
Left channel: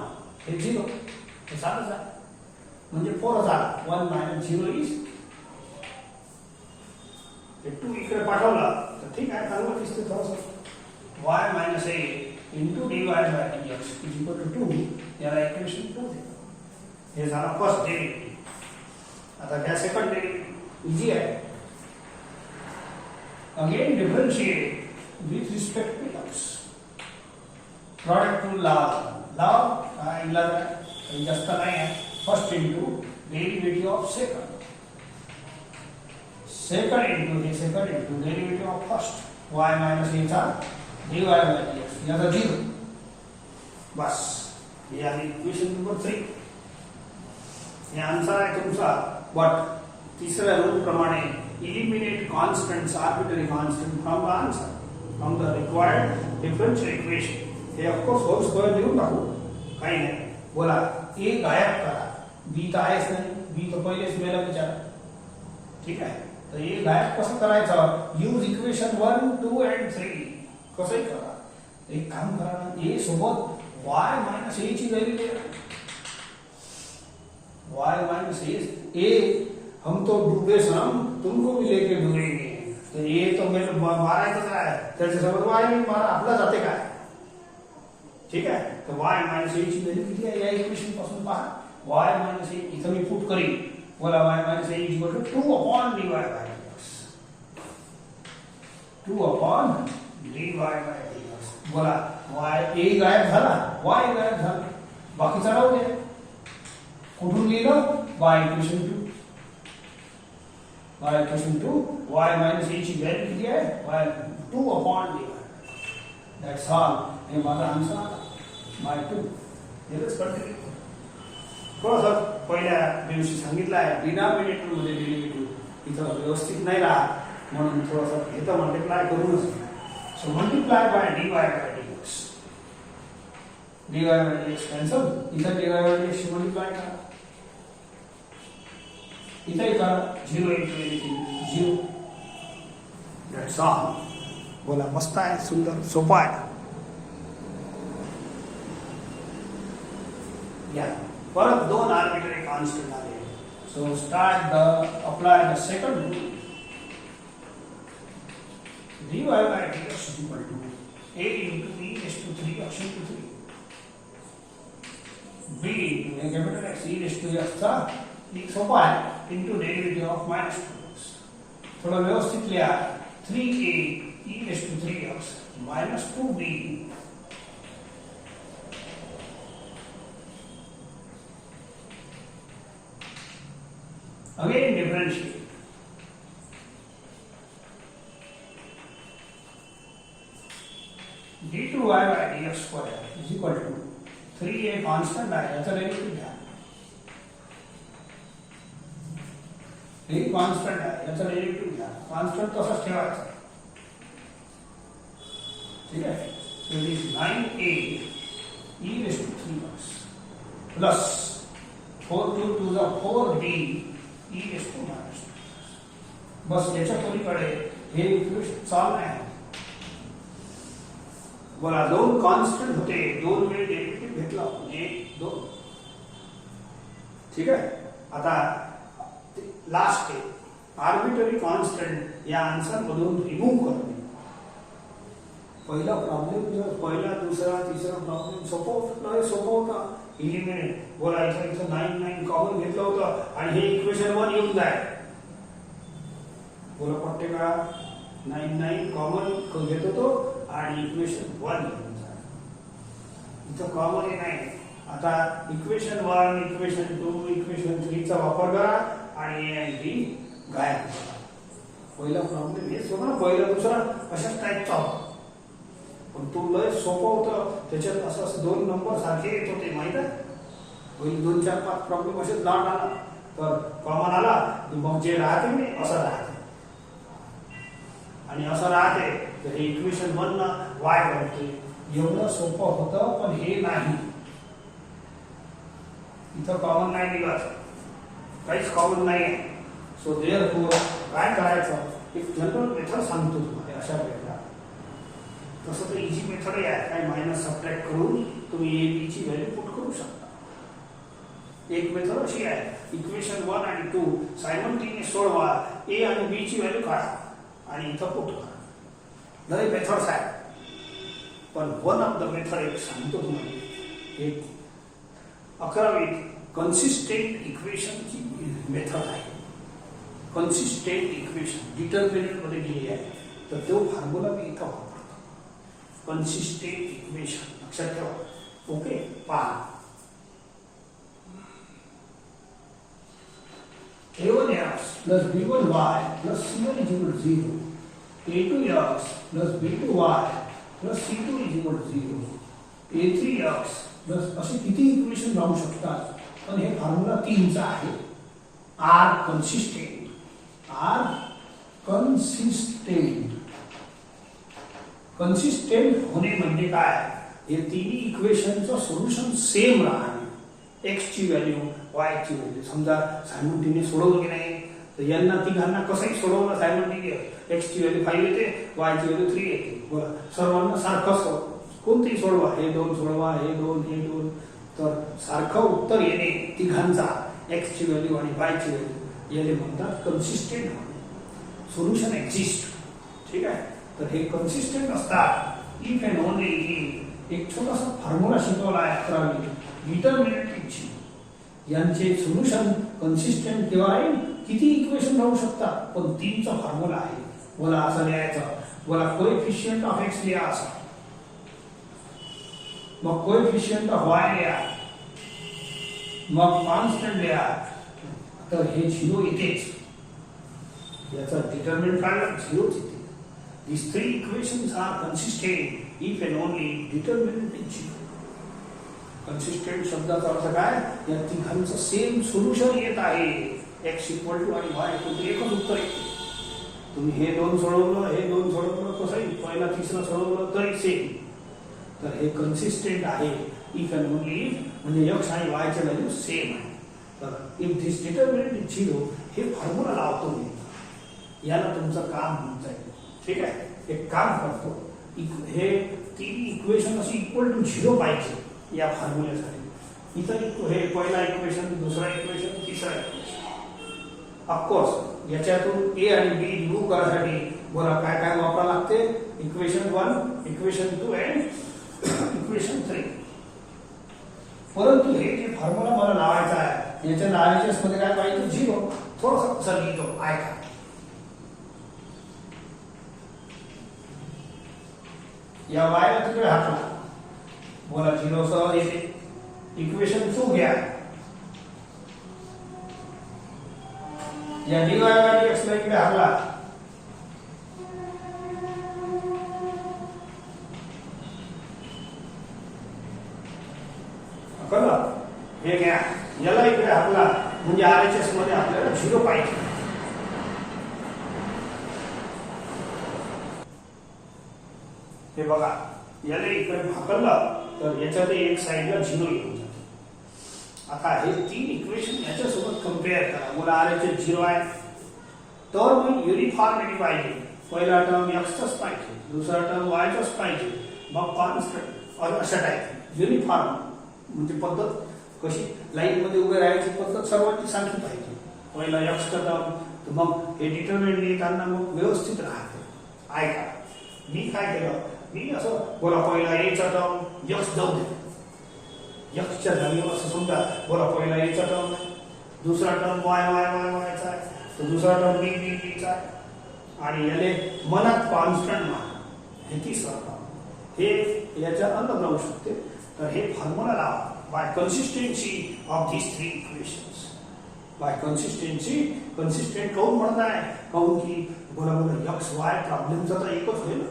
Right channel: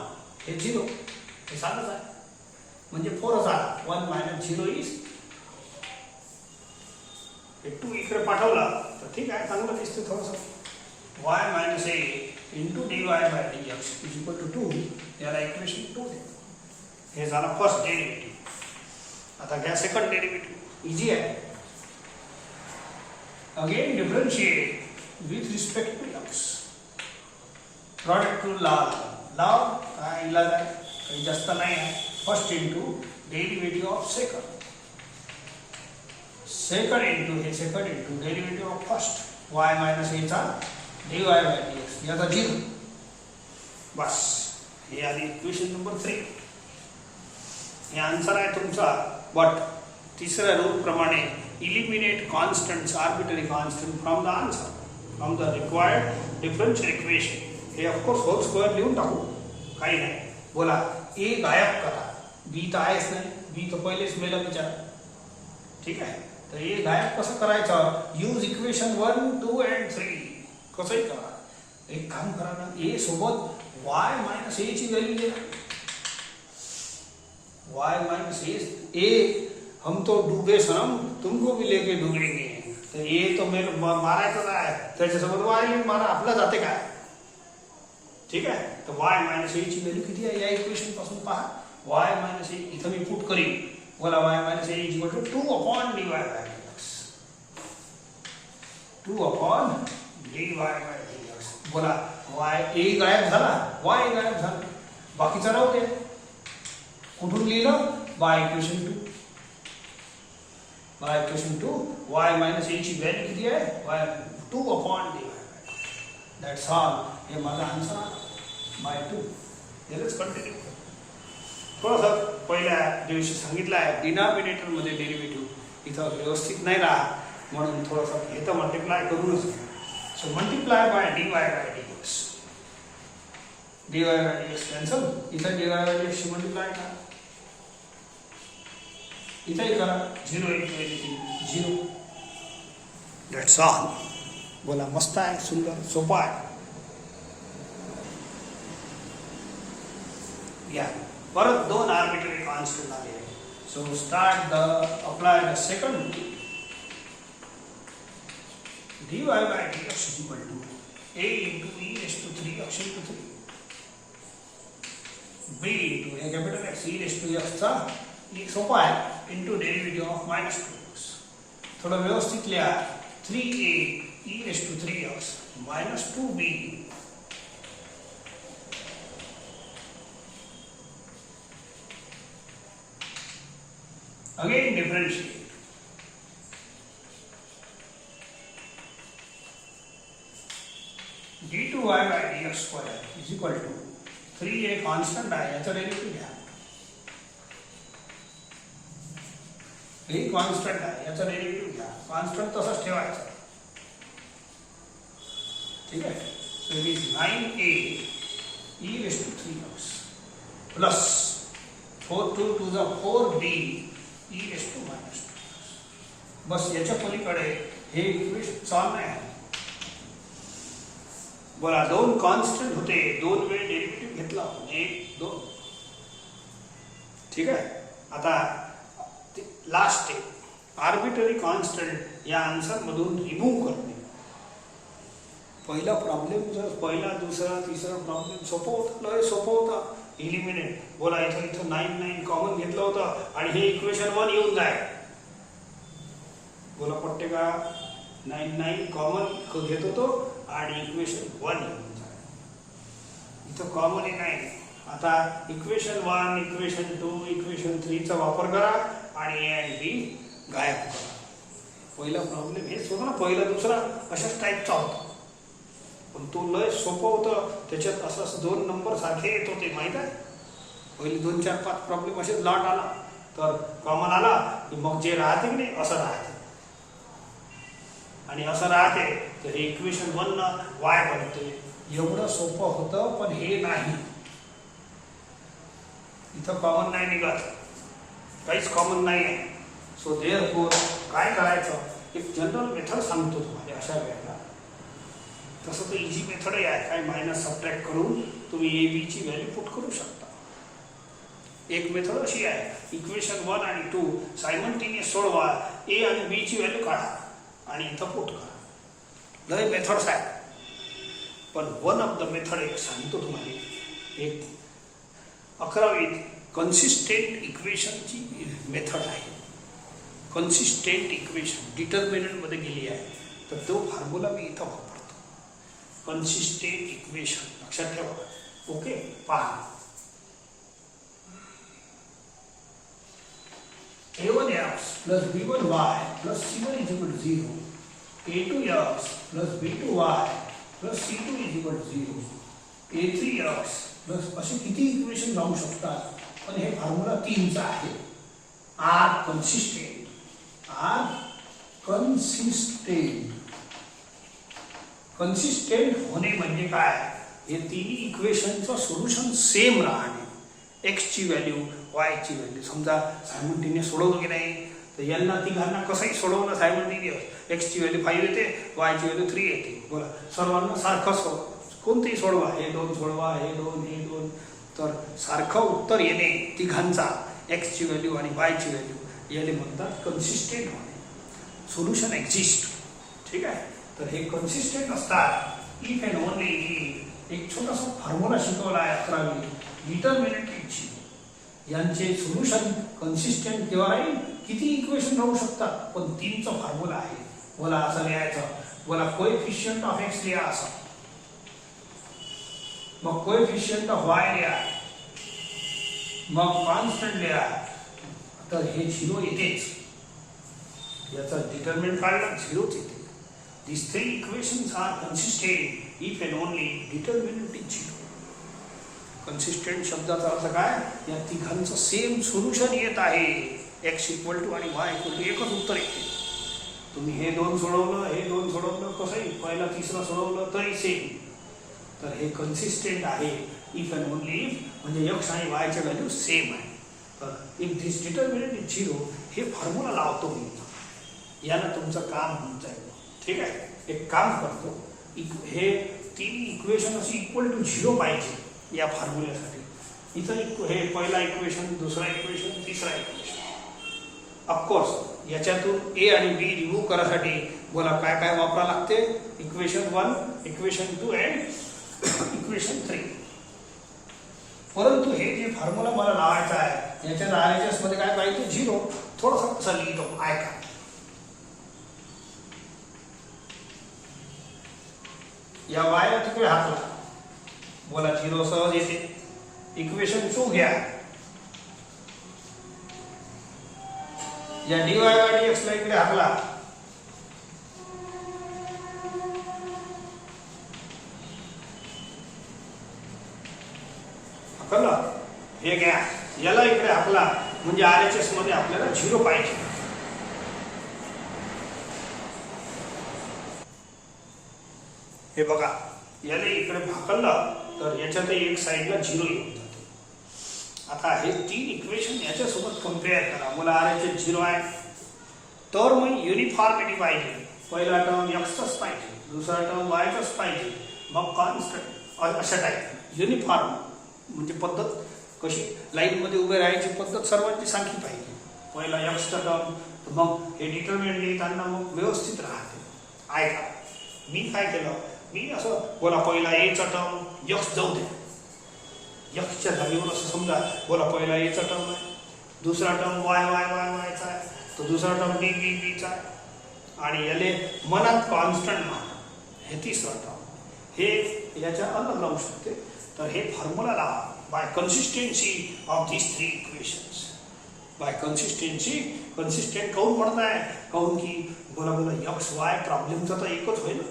हे 0, हे साधंच आहे, म्हणजे 4 झाला. 1 minus 0 is 2. इकडे पाठवला तर ठीक आहे, चांगलं दिसते थोडंसं. y minus a into dy by dx is equal to 2. याला इक्वेशन 2 देतो. हे झाला फर्स्ट डेरिव्हेटिव्ह. आता घ्या सेकंड डेरिव्हेटिव्ह, इजी आहे. Again differentiate with respect to x. Product rule लाव इलाज आहे, काही जास्त नाही आहे. First into derivative of second into derivative of first y minus a चा dy by dx, याचा 0. बस, हे आली इक्वेशन नंबर 3. हे आन्सर आहे तुमचा. बट तिसऱ्या रूल प्रमाणे eliminate constants, arbitrary constant from the answer, from the required differential equation. हे ऑफकोर्स होल स्क्वेअर लिहून टाकू, काही नाही. बोला, ए गायब करा, बी तर आहेच नाही, बी तर पहिलेच मेला विचार. ठीक आहे, तर ए गायब कसं करायचं? Use equation 1, 2 and 3. कसंही करा. एक काम करा ना, ए सोबत y minus a ची value they. y minus a, हम तो डूबे सनम, तुमको भी लेके डुबेंगे. तर ए तो मेरे मारायचं आहे, त्याच्यासोबत y मारा, आपला जाते काय. ठीक आहे, तर y minus a ची व्हॅल्यू किती आहे या इक्वेशन पासून पहा. y minus a इथं मी पुट करीन. बोला, y minus a is equal to 2 upon dy by dx. 2 upon dy by dx. बोला, y a गायब झाला, y गायब झाला, बाकीचा राहू दे. कुठून लिहिलं? y equation 2. y equation 2, y minus a ची व्हॅल्यू किती आहे? y 2 upon dy. That's all. हे माझा आन्सर बाय 2. Let's continue. थोडंसं पहिल्या दिवशी सांगितलं आहे डिनॉमिनेटरमध्ये डेरिव्हेटिव्ह इथं व्यवस्थित नाही राहत म्हणून थोडंसं हे तर मल्टिप्लाय करूनच. So multiply by dy by dx. dy by dx cancel. इथं dy बाय dx मल्टिप्लाय करा. इथे करा 0 into anything 0. That's all. बोला मस्त आहे, सुंदर, सोपा आहे. या परत दोन आर्बिट्ररी कॉन्स्टंट आले. So apply the second rule. dy by dx is equal to a into e raised to 3x into 3 b into a capital X e raised to x चा सोपा आहे into derivative of minus 2x. थोड़ा व्यवस्थित लिया 3a e raised to 3x minus 2b again differentiate. d2y by dx square is equal to 3a constant आहे याचा derivative घ्या. हे कॉन्स्टंट आहे याचा डेरिव्हेटिव्ह घ्या. कॉन्स्टंट तसाच ठेवायचा. ठीक आहे. So it is 9a e raised to 3x plus 4 cube to the 4b e raised to minus 2. बस याच्या पलीकडे हे इक्वेशन सॉल्व नाही. बोला दोन कॉन्स्टंट होते, दोन वेळ डेरिव्हेटिव्ह घेतला 1 2. ठीक आहे. आता लास्ट स्टेप आर्बिट्ररी कॉन्स्टंट या आन्सर मधून रिमूव्ह करणे. पहिला प्रॉब्लेम जो पहिला दुसरा तिसरा प्रॉब्लेम सोपं होता. इलिमिनेट. बोला इथं 9 कॉमन घेतलं होतं आणि हे इक्वेशन 1 येऊन जाय. बोला पट्टे का 9 कॉमन घेत होतो आणि इक्वेशन 1 येऊन जाय. इथं कॉमन नाही. आता इक्वेशन 1 इक्वेशन 2 इक्वेशन 3 चा वापर करा आणि ए आणि बी गायब करा. पहिला प्रॉब्लेम हेच होता ना, पहिला दुसरा अशाच टाईपचा होता. पण तो लय सोपं होतं. त्याच्यात असं 2 नंबर सारखे येत होते माहित आहे. पहिले 2 4 5 प्रॉब्लेम असेच लॉट आला तर कॉमन आला की मग जे राहते की नाही असं राहते आणि असं राहते तर हे इक्वेशन 1 ना वाय बनते. एवढं सोपं होतं पण हे नाही. इथं कॉमन नाही निघत, काहीच कॉमन नाही आहे. सो देअरफॉर काय करायचं, एक जनरल मेथड सांगतो तुम्हाला अशा वेळेला. तसं तर इझी मेथड आहे. काय मायनस सबट्रॅक्ट करून तुम्ही ए बी ची व्हॅल्यू पुट करू शकता. एक मेथड अशी आहे, इक्वेशन 1 आणि 2 सायमल्टेनियस सोडवा, ए आणि बी ची व्हॅल्यू काढा आणि इथं पुट करा. लय मेथड्स आहेत पण वन ऑफ द मेथड एक सांगतो तुम्हाला. एक 11वीत कन्सिस्टेंट इक्वेशनची मेथड आहे. कन्सिस्टेंट इक्वेशन डिटर्मिनंट मध्ये दिली आहे तर तो फॉर्म्युला मी इथं वापरतो. कन्सिस्टेंट इक्वेशन लक्षात ठेवा. ओके. पहा a1x plus b1y plus c1 is equal to 0. a2x plus b2y plus c2 is equal to 0. a3x plus असे किती इक्वेशन राहू शकतात पण हे फॉर्म्युला 3 चा आहे. आर कन्सिस्टेंट होणे म्हणजे काय, हे तिन्ही इक्वेशनचं सोल्युशन सेम राहणे. एक्स ची व्हॅल्यू वाय ची व्हॅल्यू समजा सायमल्टेनियस सोडवलं की नाही तर यांना तिघांना कसंही सोडवलं सायमल्टेनियस. एक्स ची व्हॅल्यू 5 येते, वाय ची व्हॅल्यू 3 येते. बोला सर्वांना सारखं कोणतेही सोडवा, हे 2 सोडवा, हे 2 तर सारखं उत्तर येणे तिघांचा एक्स ची व्हॅल्यू आणि वाय ची व्हॅल्यू याला म्हणतात कन्सिस्टेंट होणे. Solution exist. ठीक आहे. तर हे कन्सिस्टेंट असतात इफ अँड ओनली एक छोटासा फॉर्म्युला शिकवला आहे 11वी डिटर्मिनंटची. यांचे सोल्युशन कन्सिस्टेंट केव्हा राहील, किती इक्वेशन राहू शकतात पण 3 चा फॉर्म्युला आहे. बोला असं लिहायचं. बोला कोएफिशिएंट ऑफ एक्स लिहा असं, मग कोएफिशिएंट ऑफ वाय लिहा, मग कॉन्स्टंट लिहा. तर हे 0 येतेच. याचा डिटर्मिनंट काय 0च येते. These 3 equations are consistent if and only determinant is 0. Consistent शब्दाचा अर्थ काय, या तिघांचं सेम सोल्युशन येत आहे. x इक्वल टू आणि y इक्वल टू एकच उत्तर येते. तुम्ही हे दोन सोडवलं, हे दोन सोडवलं, कसंही पहिला तिसरं सोडवलं तरी सेम. तर हे कन्सिस्टंट आहे इफ अँड ओनली इफ, म्हणजे x आणि y च्या व्हॅल्यू सेम आहे. तर इफ दिस डिटर्मिनंट इज 0 हे फॉर्म्युला लावतो मी. याला तुमचं काम होऊन जाईल. ठीक आहे, एक काम करतो, हे तीन इक्वेशन अशी इक्वल टू 0 पाहिजे या फॉर्म्युल्यासाठी. इथं हे पहिला इक्वेशन, दुसरा इक्वेशन, तिसरा इक्वेशन. ऑफकोर्स याच्यातून ए आणि बी रिमूव्ह करायसाठी बोला काय काय वापरा लागते. Equation 1, equation 2 and equation 3. परंतु हे जे फॉर्म्युला मला लावायचा आहे याच्या RHS मध्ये काय पाहिजे, 0. थोडंसं असं लिहितो, ऐका. या वायला तिकडे हात बोला 0 सहज येते. इक्वेशन 2 घ्या. या dy बाय dx ला इकडे हाकला. हाकला, हे घ्या. याला इकडे हाकला, म्हणजे RHS मध्ये आपल्याला 0 पाहिजे. हे बघा, याला इकडे हाकललं तर याच्यात एक साइडला 0 येऊन जाते. आता हे तीन इक्वेशन याच्यासोबत कम्पेअर करा. मला RHS 0 आहे, तर मग युनिफॉर्मिटी पाहिजे. पहिला टर्म एक्सचाच पाहिजे, दुसरा टर्म वायचाच पाहिजे, मग कॉन्स्टंट अशा टाईप. युनिफॉर्म म्हणजे पद्धत कशी, लाईन मध्ये उभे राहायची पद्धत सर्वांची सारखी पाहिजे. पहिला एक्सचा टर्म, मग हे डिटर्मिनंट लिहिताना मग व्यवस्थित राहते. ऐका, मी काय केलं, मी असं बोला पहिला एचा टर्म यक्स जाऊ दे. यक्सच्या जागेवर असं समजा बोला पहिला एचा टर्म आहे, दुसरा टर्म वाय वाय वाय वायचा आहे, तो दुसरा टर्म बी बी बीचा आहे, आणि याले मनात कॉन्स्टंट माना. हे तिसरा टर्म, हे याच्या अलग राहू शकते. तर हे फॉर्म्युला लावा by consistency of this three equations. By consistency, consistent काऊन म्हणताय, काऊन की बोला बोला एक्स वाय प्रॉब्लेमचा तर एकच होईल.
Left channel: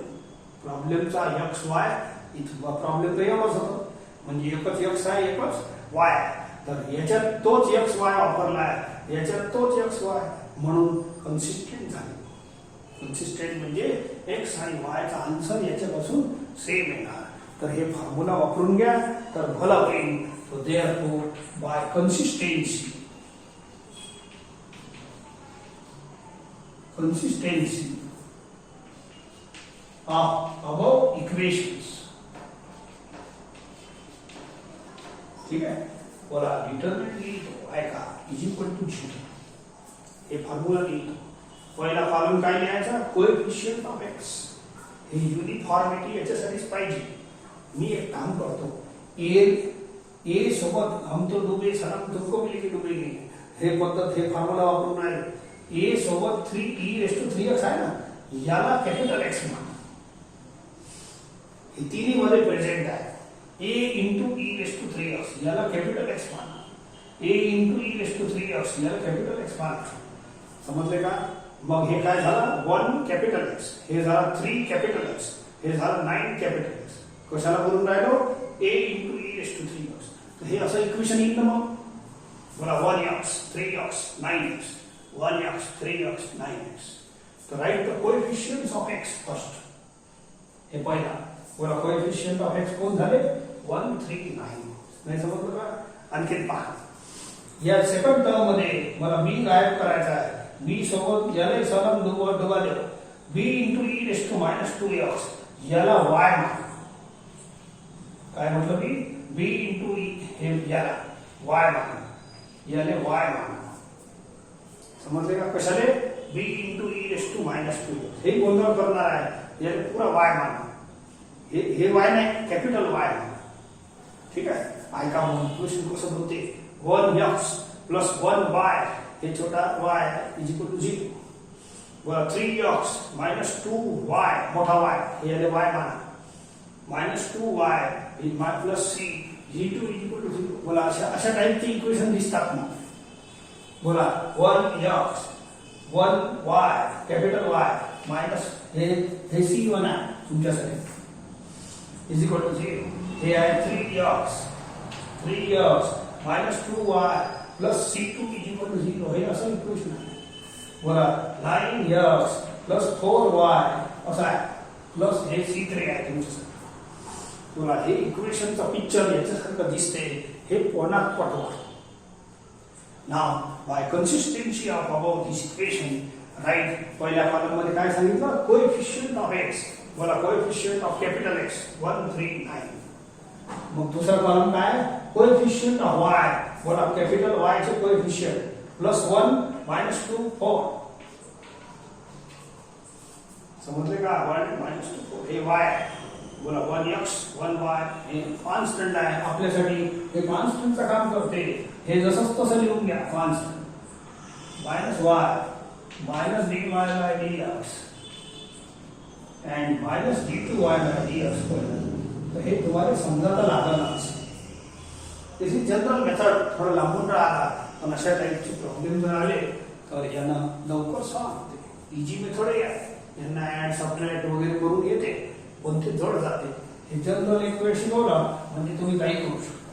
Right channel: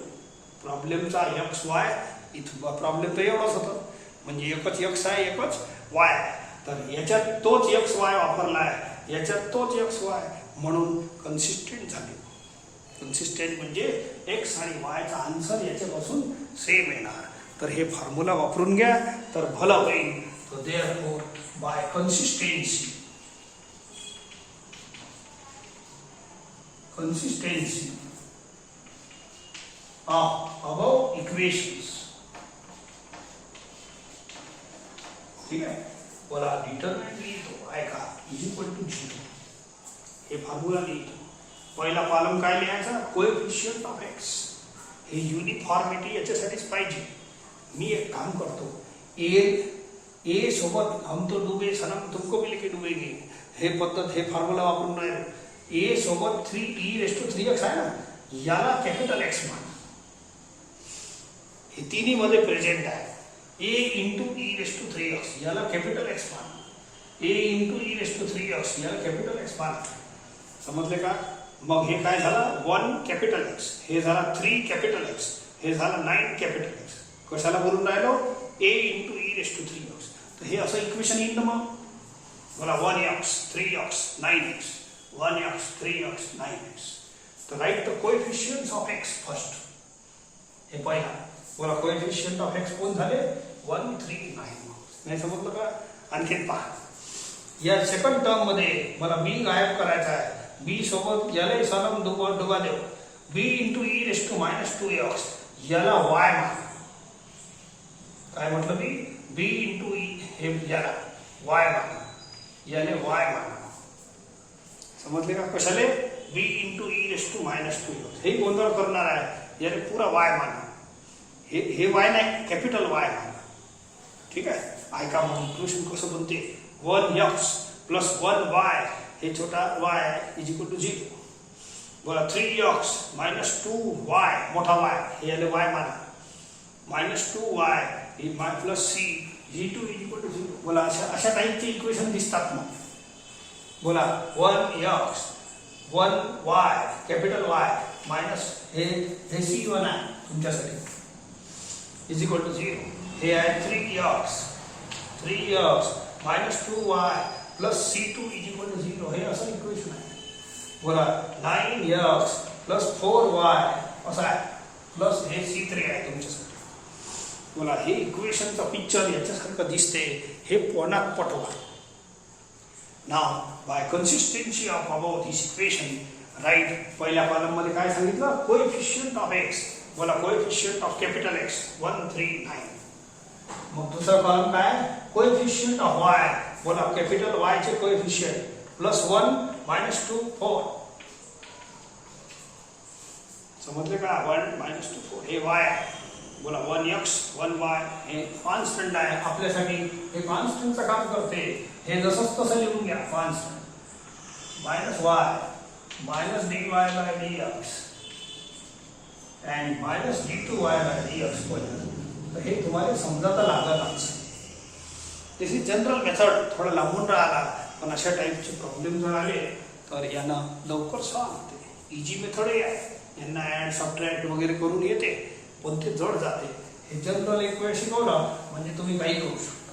प्रॉब्लेमचा एक्स वाय, इथं प्रॉब्लेम तर एवढंच होतं, म्हणजे एकच एक्स आहे, एकच वाय आहे. तर याच्यात तोच एक्स वाय वापरला आहे, याच्यात तोच एक्स वाय, म्हणून कन्सिस्टंट झाले. कन्सिस्टंट म्हणजे एक्स आणि वायचा आन्सर याच्यापासून सेम येणार. तर हे फॉर्म्युला वापरून घ्या तर भलं होईल. तो therefore by consistency, consistency of above equations. ठीक आहे, बोला डिटर्मिनंट लिहितो, ऐका, इज इक्वल टू 0. हे फॉर्म्युला लिहितो. पहिला कॉलम काय लिहायचा, कोएफिशिएंट ऑफ एक्स. हे युनिफॉर्मिटी याच्यासाठीच पाहिजे. मी एक काम करतो, ए सोबत हम तो डूबे सनम तुमको भी लेके डूबेंगे, हे पद्धत, हे फॉर्म्युला वापरून आहे. ए सोबत 3e⁻³ आहे ना, याला कॅपिटल एक्स मान. हे तिन्ही मध्ये प्रेझेंट आहे. ए इंटू e⁻³ याला कॅपिटल एक्स मान, ए इंटू e⁻³ याला कॅपिटल एक्स मान. समजले का? मग हे काय झालं, 1 कॅपिटल एक्स, हे झालं 3 कॅपिटल एक्स, हे झालं 9 कॅपिटल एक्स. कशाला बोलून राहिलो, ए इंटू e⁻³. तर हे असं इक्वेशन येईल ना. मग बघा 1x 3x 9x, 1x 3x 9x. तर write the coefficients of x first. हे पहिला बोला कोएफिशिएंट ऑफ x कोण झाले, 1 3 9. नाही समजलं का? आणखीन पहा, या सेकंड टर्म मध्ये मला b गायब करायचा आहे. b सोबत याला सनम डुबा देऊ. b इंटू e⁻²x याला y मान. काय म्हटलं मी, b इंटू हे याला y माना, याले y माना. समजले का? कशाले, b इंटू e⁻². हे गोंधळ करणार आहे, याले पुरा y माना. हे y नाही, कॅपिटल y माना. ठीक आहे, ऐका मग इक्वेशन कसं बनते. 1x प्लस 1y, हे छोटा y इज इक्वल टू 0. बोला 3x मायनस 2y, मोठा y, हे याले y माना. -2y plus c g2 is equal to 0. बोला अशा टाईपची इक्वेशन दिसतात ना. बोला 1x 1y capital y minus हे c1 आहे तुमच्यासाठी, इज इक्वल टू 0. हे आहे 3x 3x minus 2y plus c2 is equal to 0 हे असं इक्वेशन आहे. बोला 9x plus 4y असं आहे प्लस हे c3 आहे तुमच्यासाठी. बोला हे इक्वेशनचा पिक्चर याच्यासारखं दिसते हे पोनात पटवा. Now by consistency of above this equation write पहिल्या कॉलम मध्ये काय सांगितलं कोएफिशिएंट ऑफ x. बोला कोएफिशिएंट ऑफ कॅपिटल x 1 3 9. मग दुसरा कॉलम काय कोएफिशिएंट ऑफ y. बोला कॅपिटल y चे कोएफिशिएंट +1 -2 4. समजले का 1 -2 4 हे y. बोला 1x 1y हे कॉन्स्टंट आहे आपल्यासाठी. हे कॉन्स्टंटचं काम करते. हे जसंच तसं लिहून घ्या constant -y minus dy by dx and minus d2y by dx square. तर हे तुम्हाला समजायला लागणारच. दिस इज जनरल मेथड. थोडं लांबून राहिला पण अशा टाईपचे प्रॉब्लेम जर आले तर यांना लवकर सॉल्व्ह होते. इजी मेथड आहे. यांना ऍड सबट्रॅक्ट वगैरे करून येते पण ते जड जाते. हे जनरल एक वेळ शिकवलं म्हणजे तुम्ही काही करू शकता.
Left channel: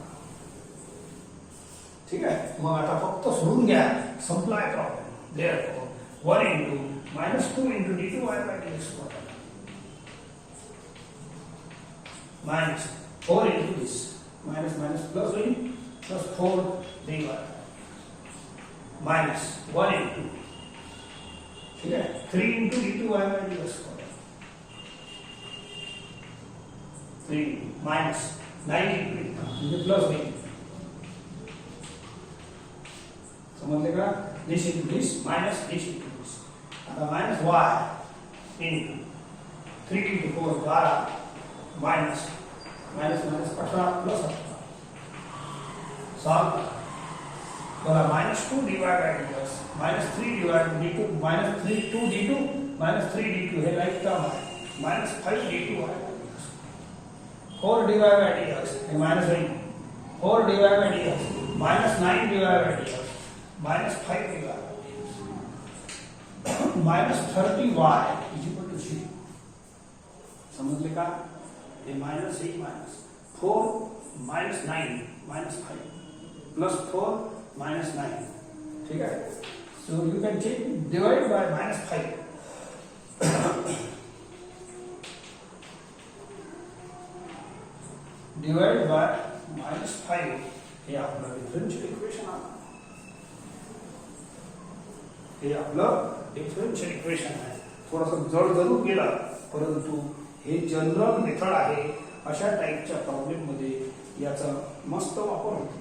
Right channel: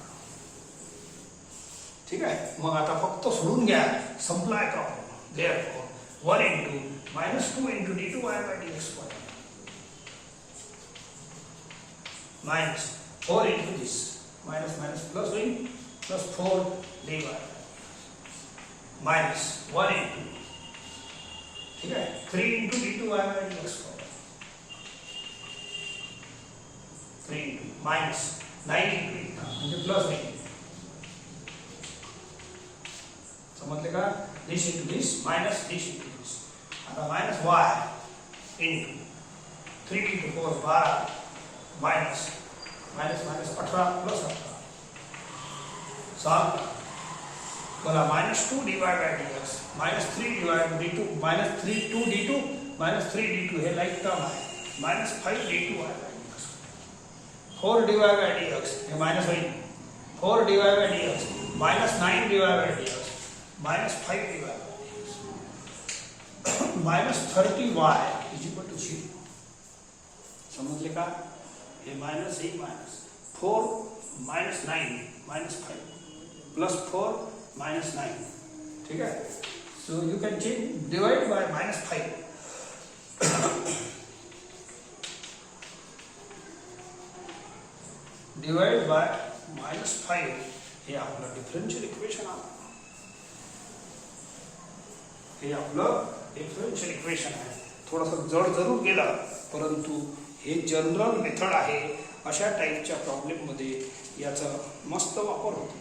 ठीक आहे. मग आता फक्त सोडून घ्या संपलाय problem. Therefore 1 into -2 into d2y by dx square minus 4 into this minus minus plus doing plus 4 dy minus 1 into ठीक है 3 into d2y by dx square 3 into minus 9 into plus doing समझले का this into this minus this into this. आता minus y into 3 into 4 12 minus minus minus 18 plus 18 solve. बोला minus 2 dy by dx minus 3 dy by d2 minus 3 2 d2 minus 3 d2 है like term है minus 5 d2 by dx 4 dy by dx है minus 1 4 dy by dx minus 9 dy by dx minus 5 dy by dx minus 30y is equal to 0. समझ लिखा ये minus एक minus 4 minus 9 minus 5 plus 4 minus 9. ठीक है. So you can change divide by minus 5. Divide by minus 5 हे आपलं differential equation आहे. हे आपलं डिफरेंशियल इक्वेशन आहे. थोडंसं जड जरूर गेलं परंतु हे जनरल मेथड आहे. अशा टाईपच्या प्रॉब्लेम मध्ये याचा मस्त वापर होतो.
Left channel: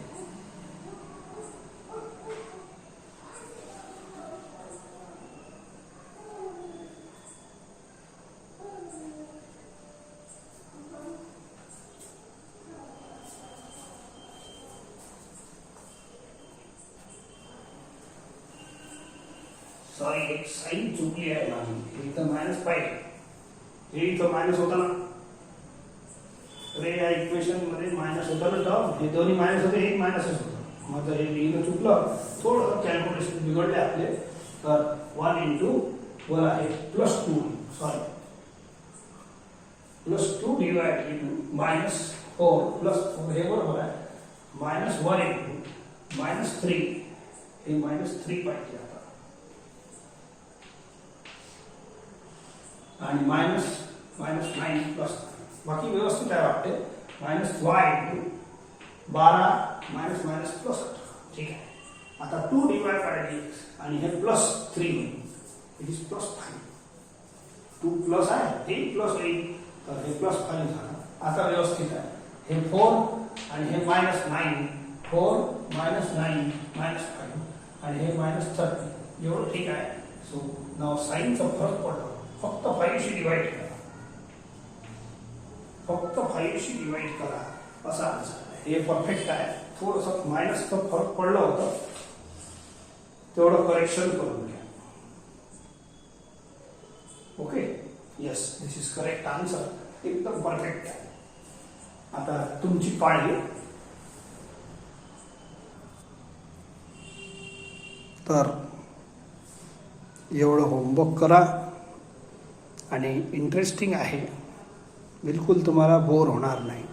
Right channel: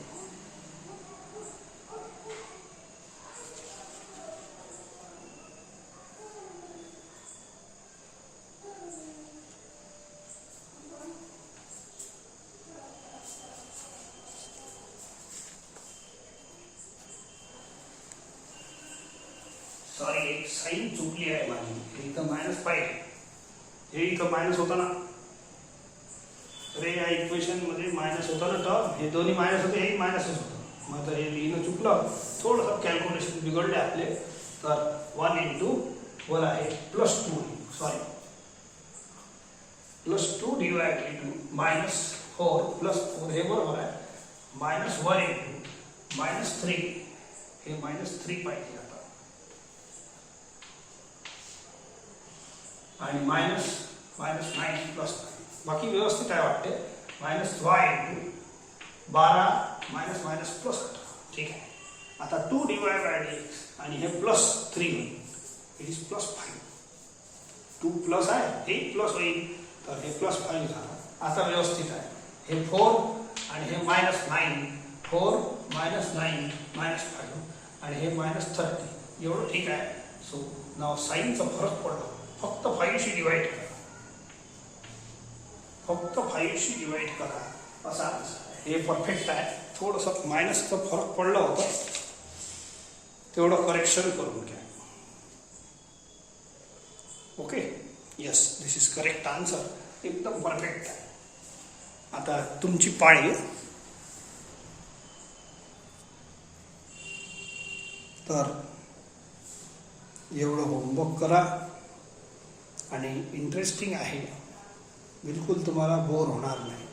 सॉरी एक साइन चुकली आहे माझी. हे इथं -5 हे इथं मायनस होता ना. अरे या इक्वेशन मध्ये मायनस होता ना टर्म. हे दोन्ही मायनस होते हे मायनसच होतं. माझं हे लिहिणं चुकलं. थोडंसं कॅल्क्युलेशन बिघडले आपले. तर 1 into वर आहे +2 सॉरी +2 dy into -4 +4 हे बरोबर आहे. -1 into -3 हे -3 पाहिजे आता. आणि -9 प्लस बाकी व्यवस्थित आहे वाटते. -y into 12 minus minus plus 18. ठीक आहे. आता 2 dy by dx आणि हे +3 इट इज +5. 2 प्लस आहे हे प्लस होईल तर हे +5 झालं. आता व्यवस्थित आहे. हे 4 आणि हे -9 4 -9 -5 आणि हे -30 एवढं ठीक आहे. सो नाव साइनचा फरक पडतो. फक्त 5 शी डिवाइड करा. फक्त 5 शी डिवाइड करा असा हे परफेक्ट आहे. थोडंसं मायनसचं फरक पडलं होतं तेवढं करेक्शन करून घ्या. Okay yes this is correct answer. एकदम परफेक्ट आहे. आता तुमची पाळी. तर एवढं होमवर्क करा आणि इंटरेस्टिंग आहे. बिलकुल तुम्हाला बोर होणार नाही.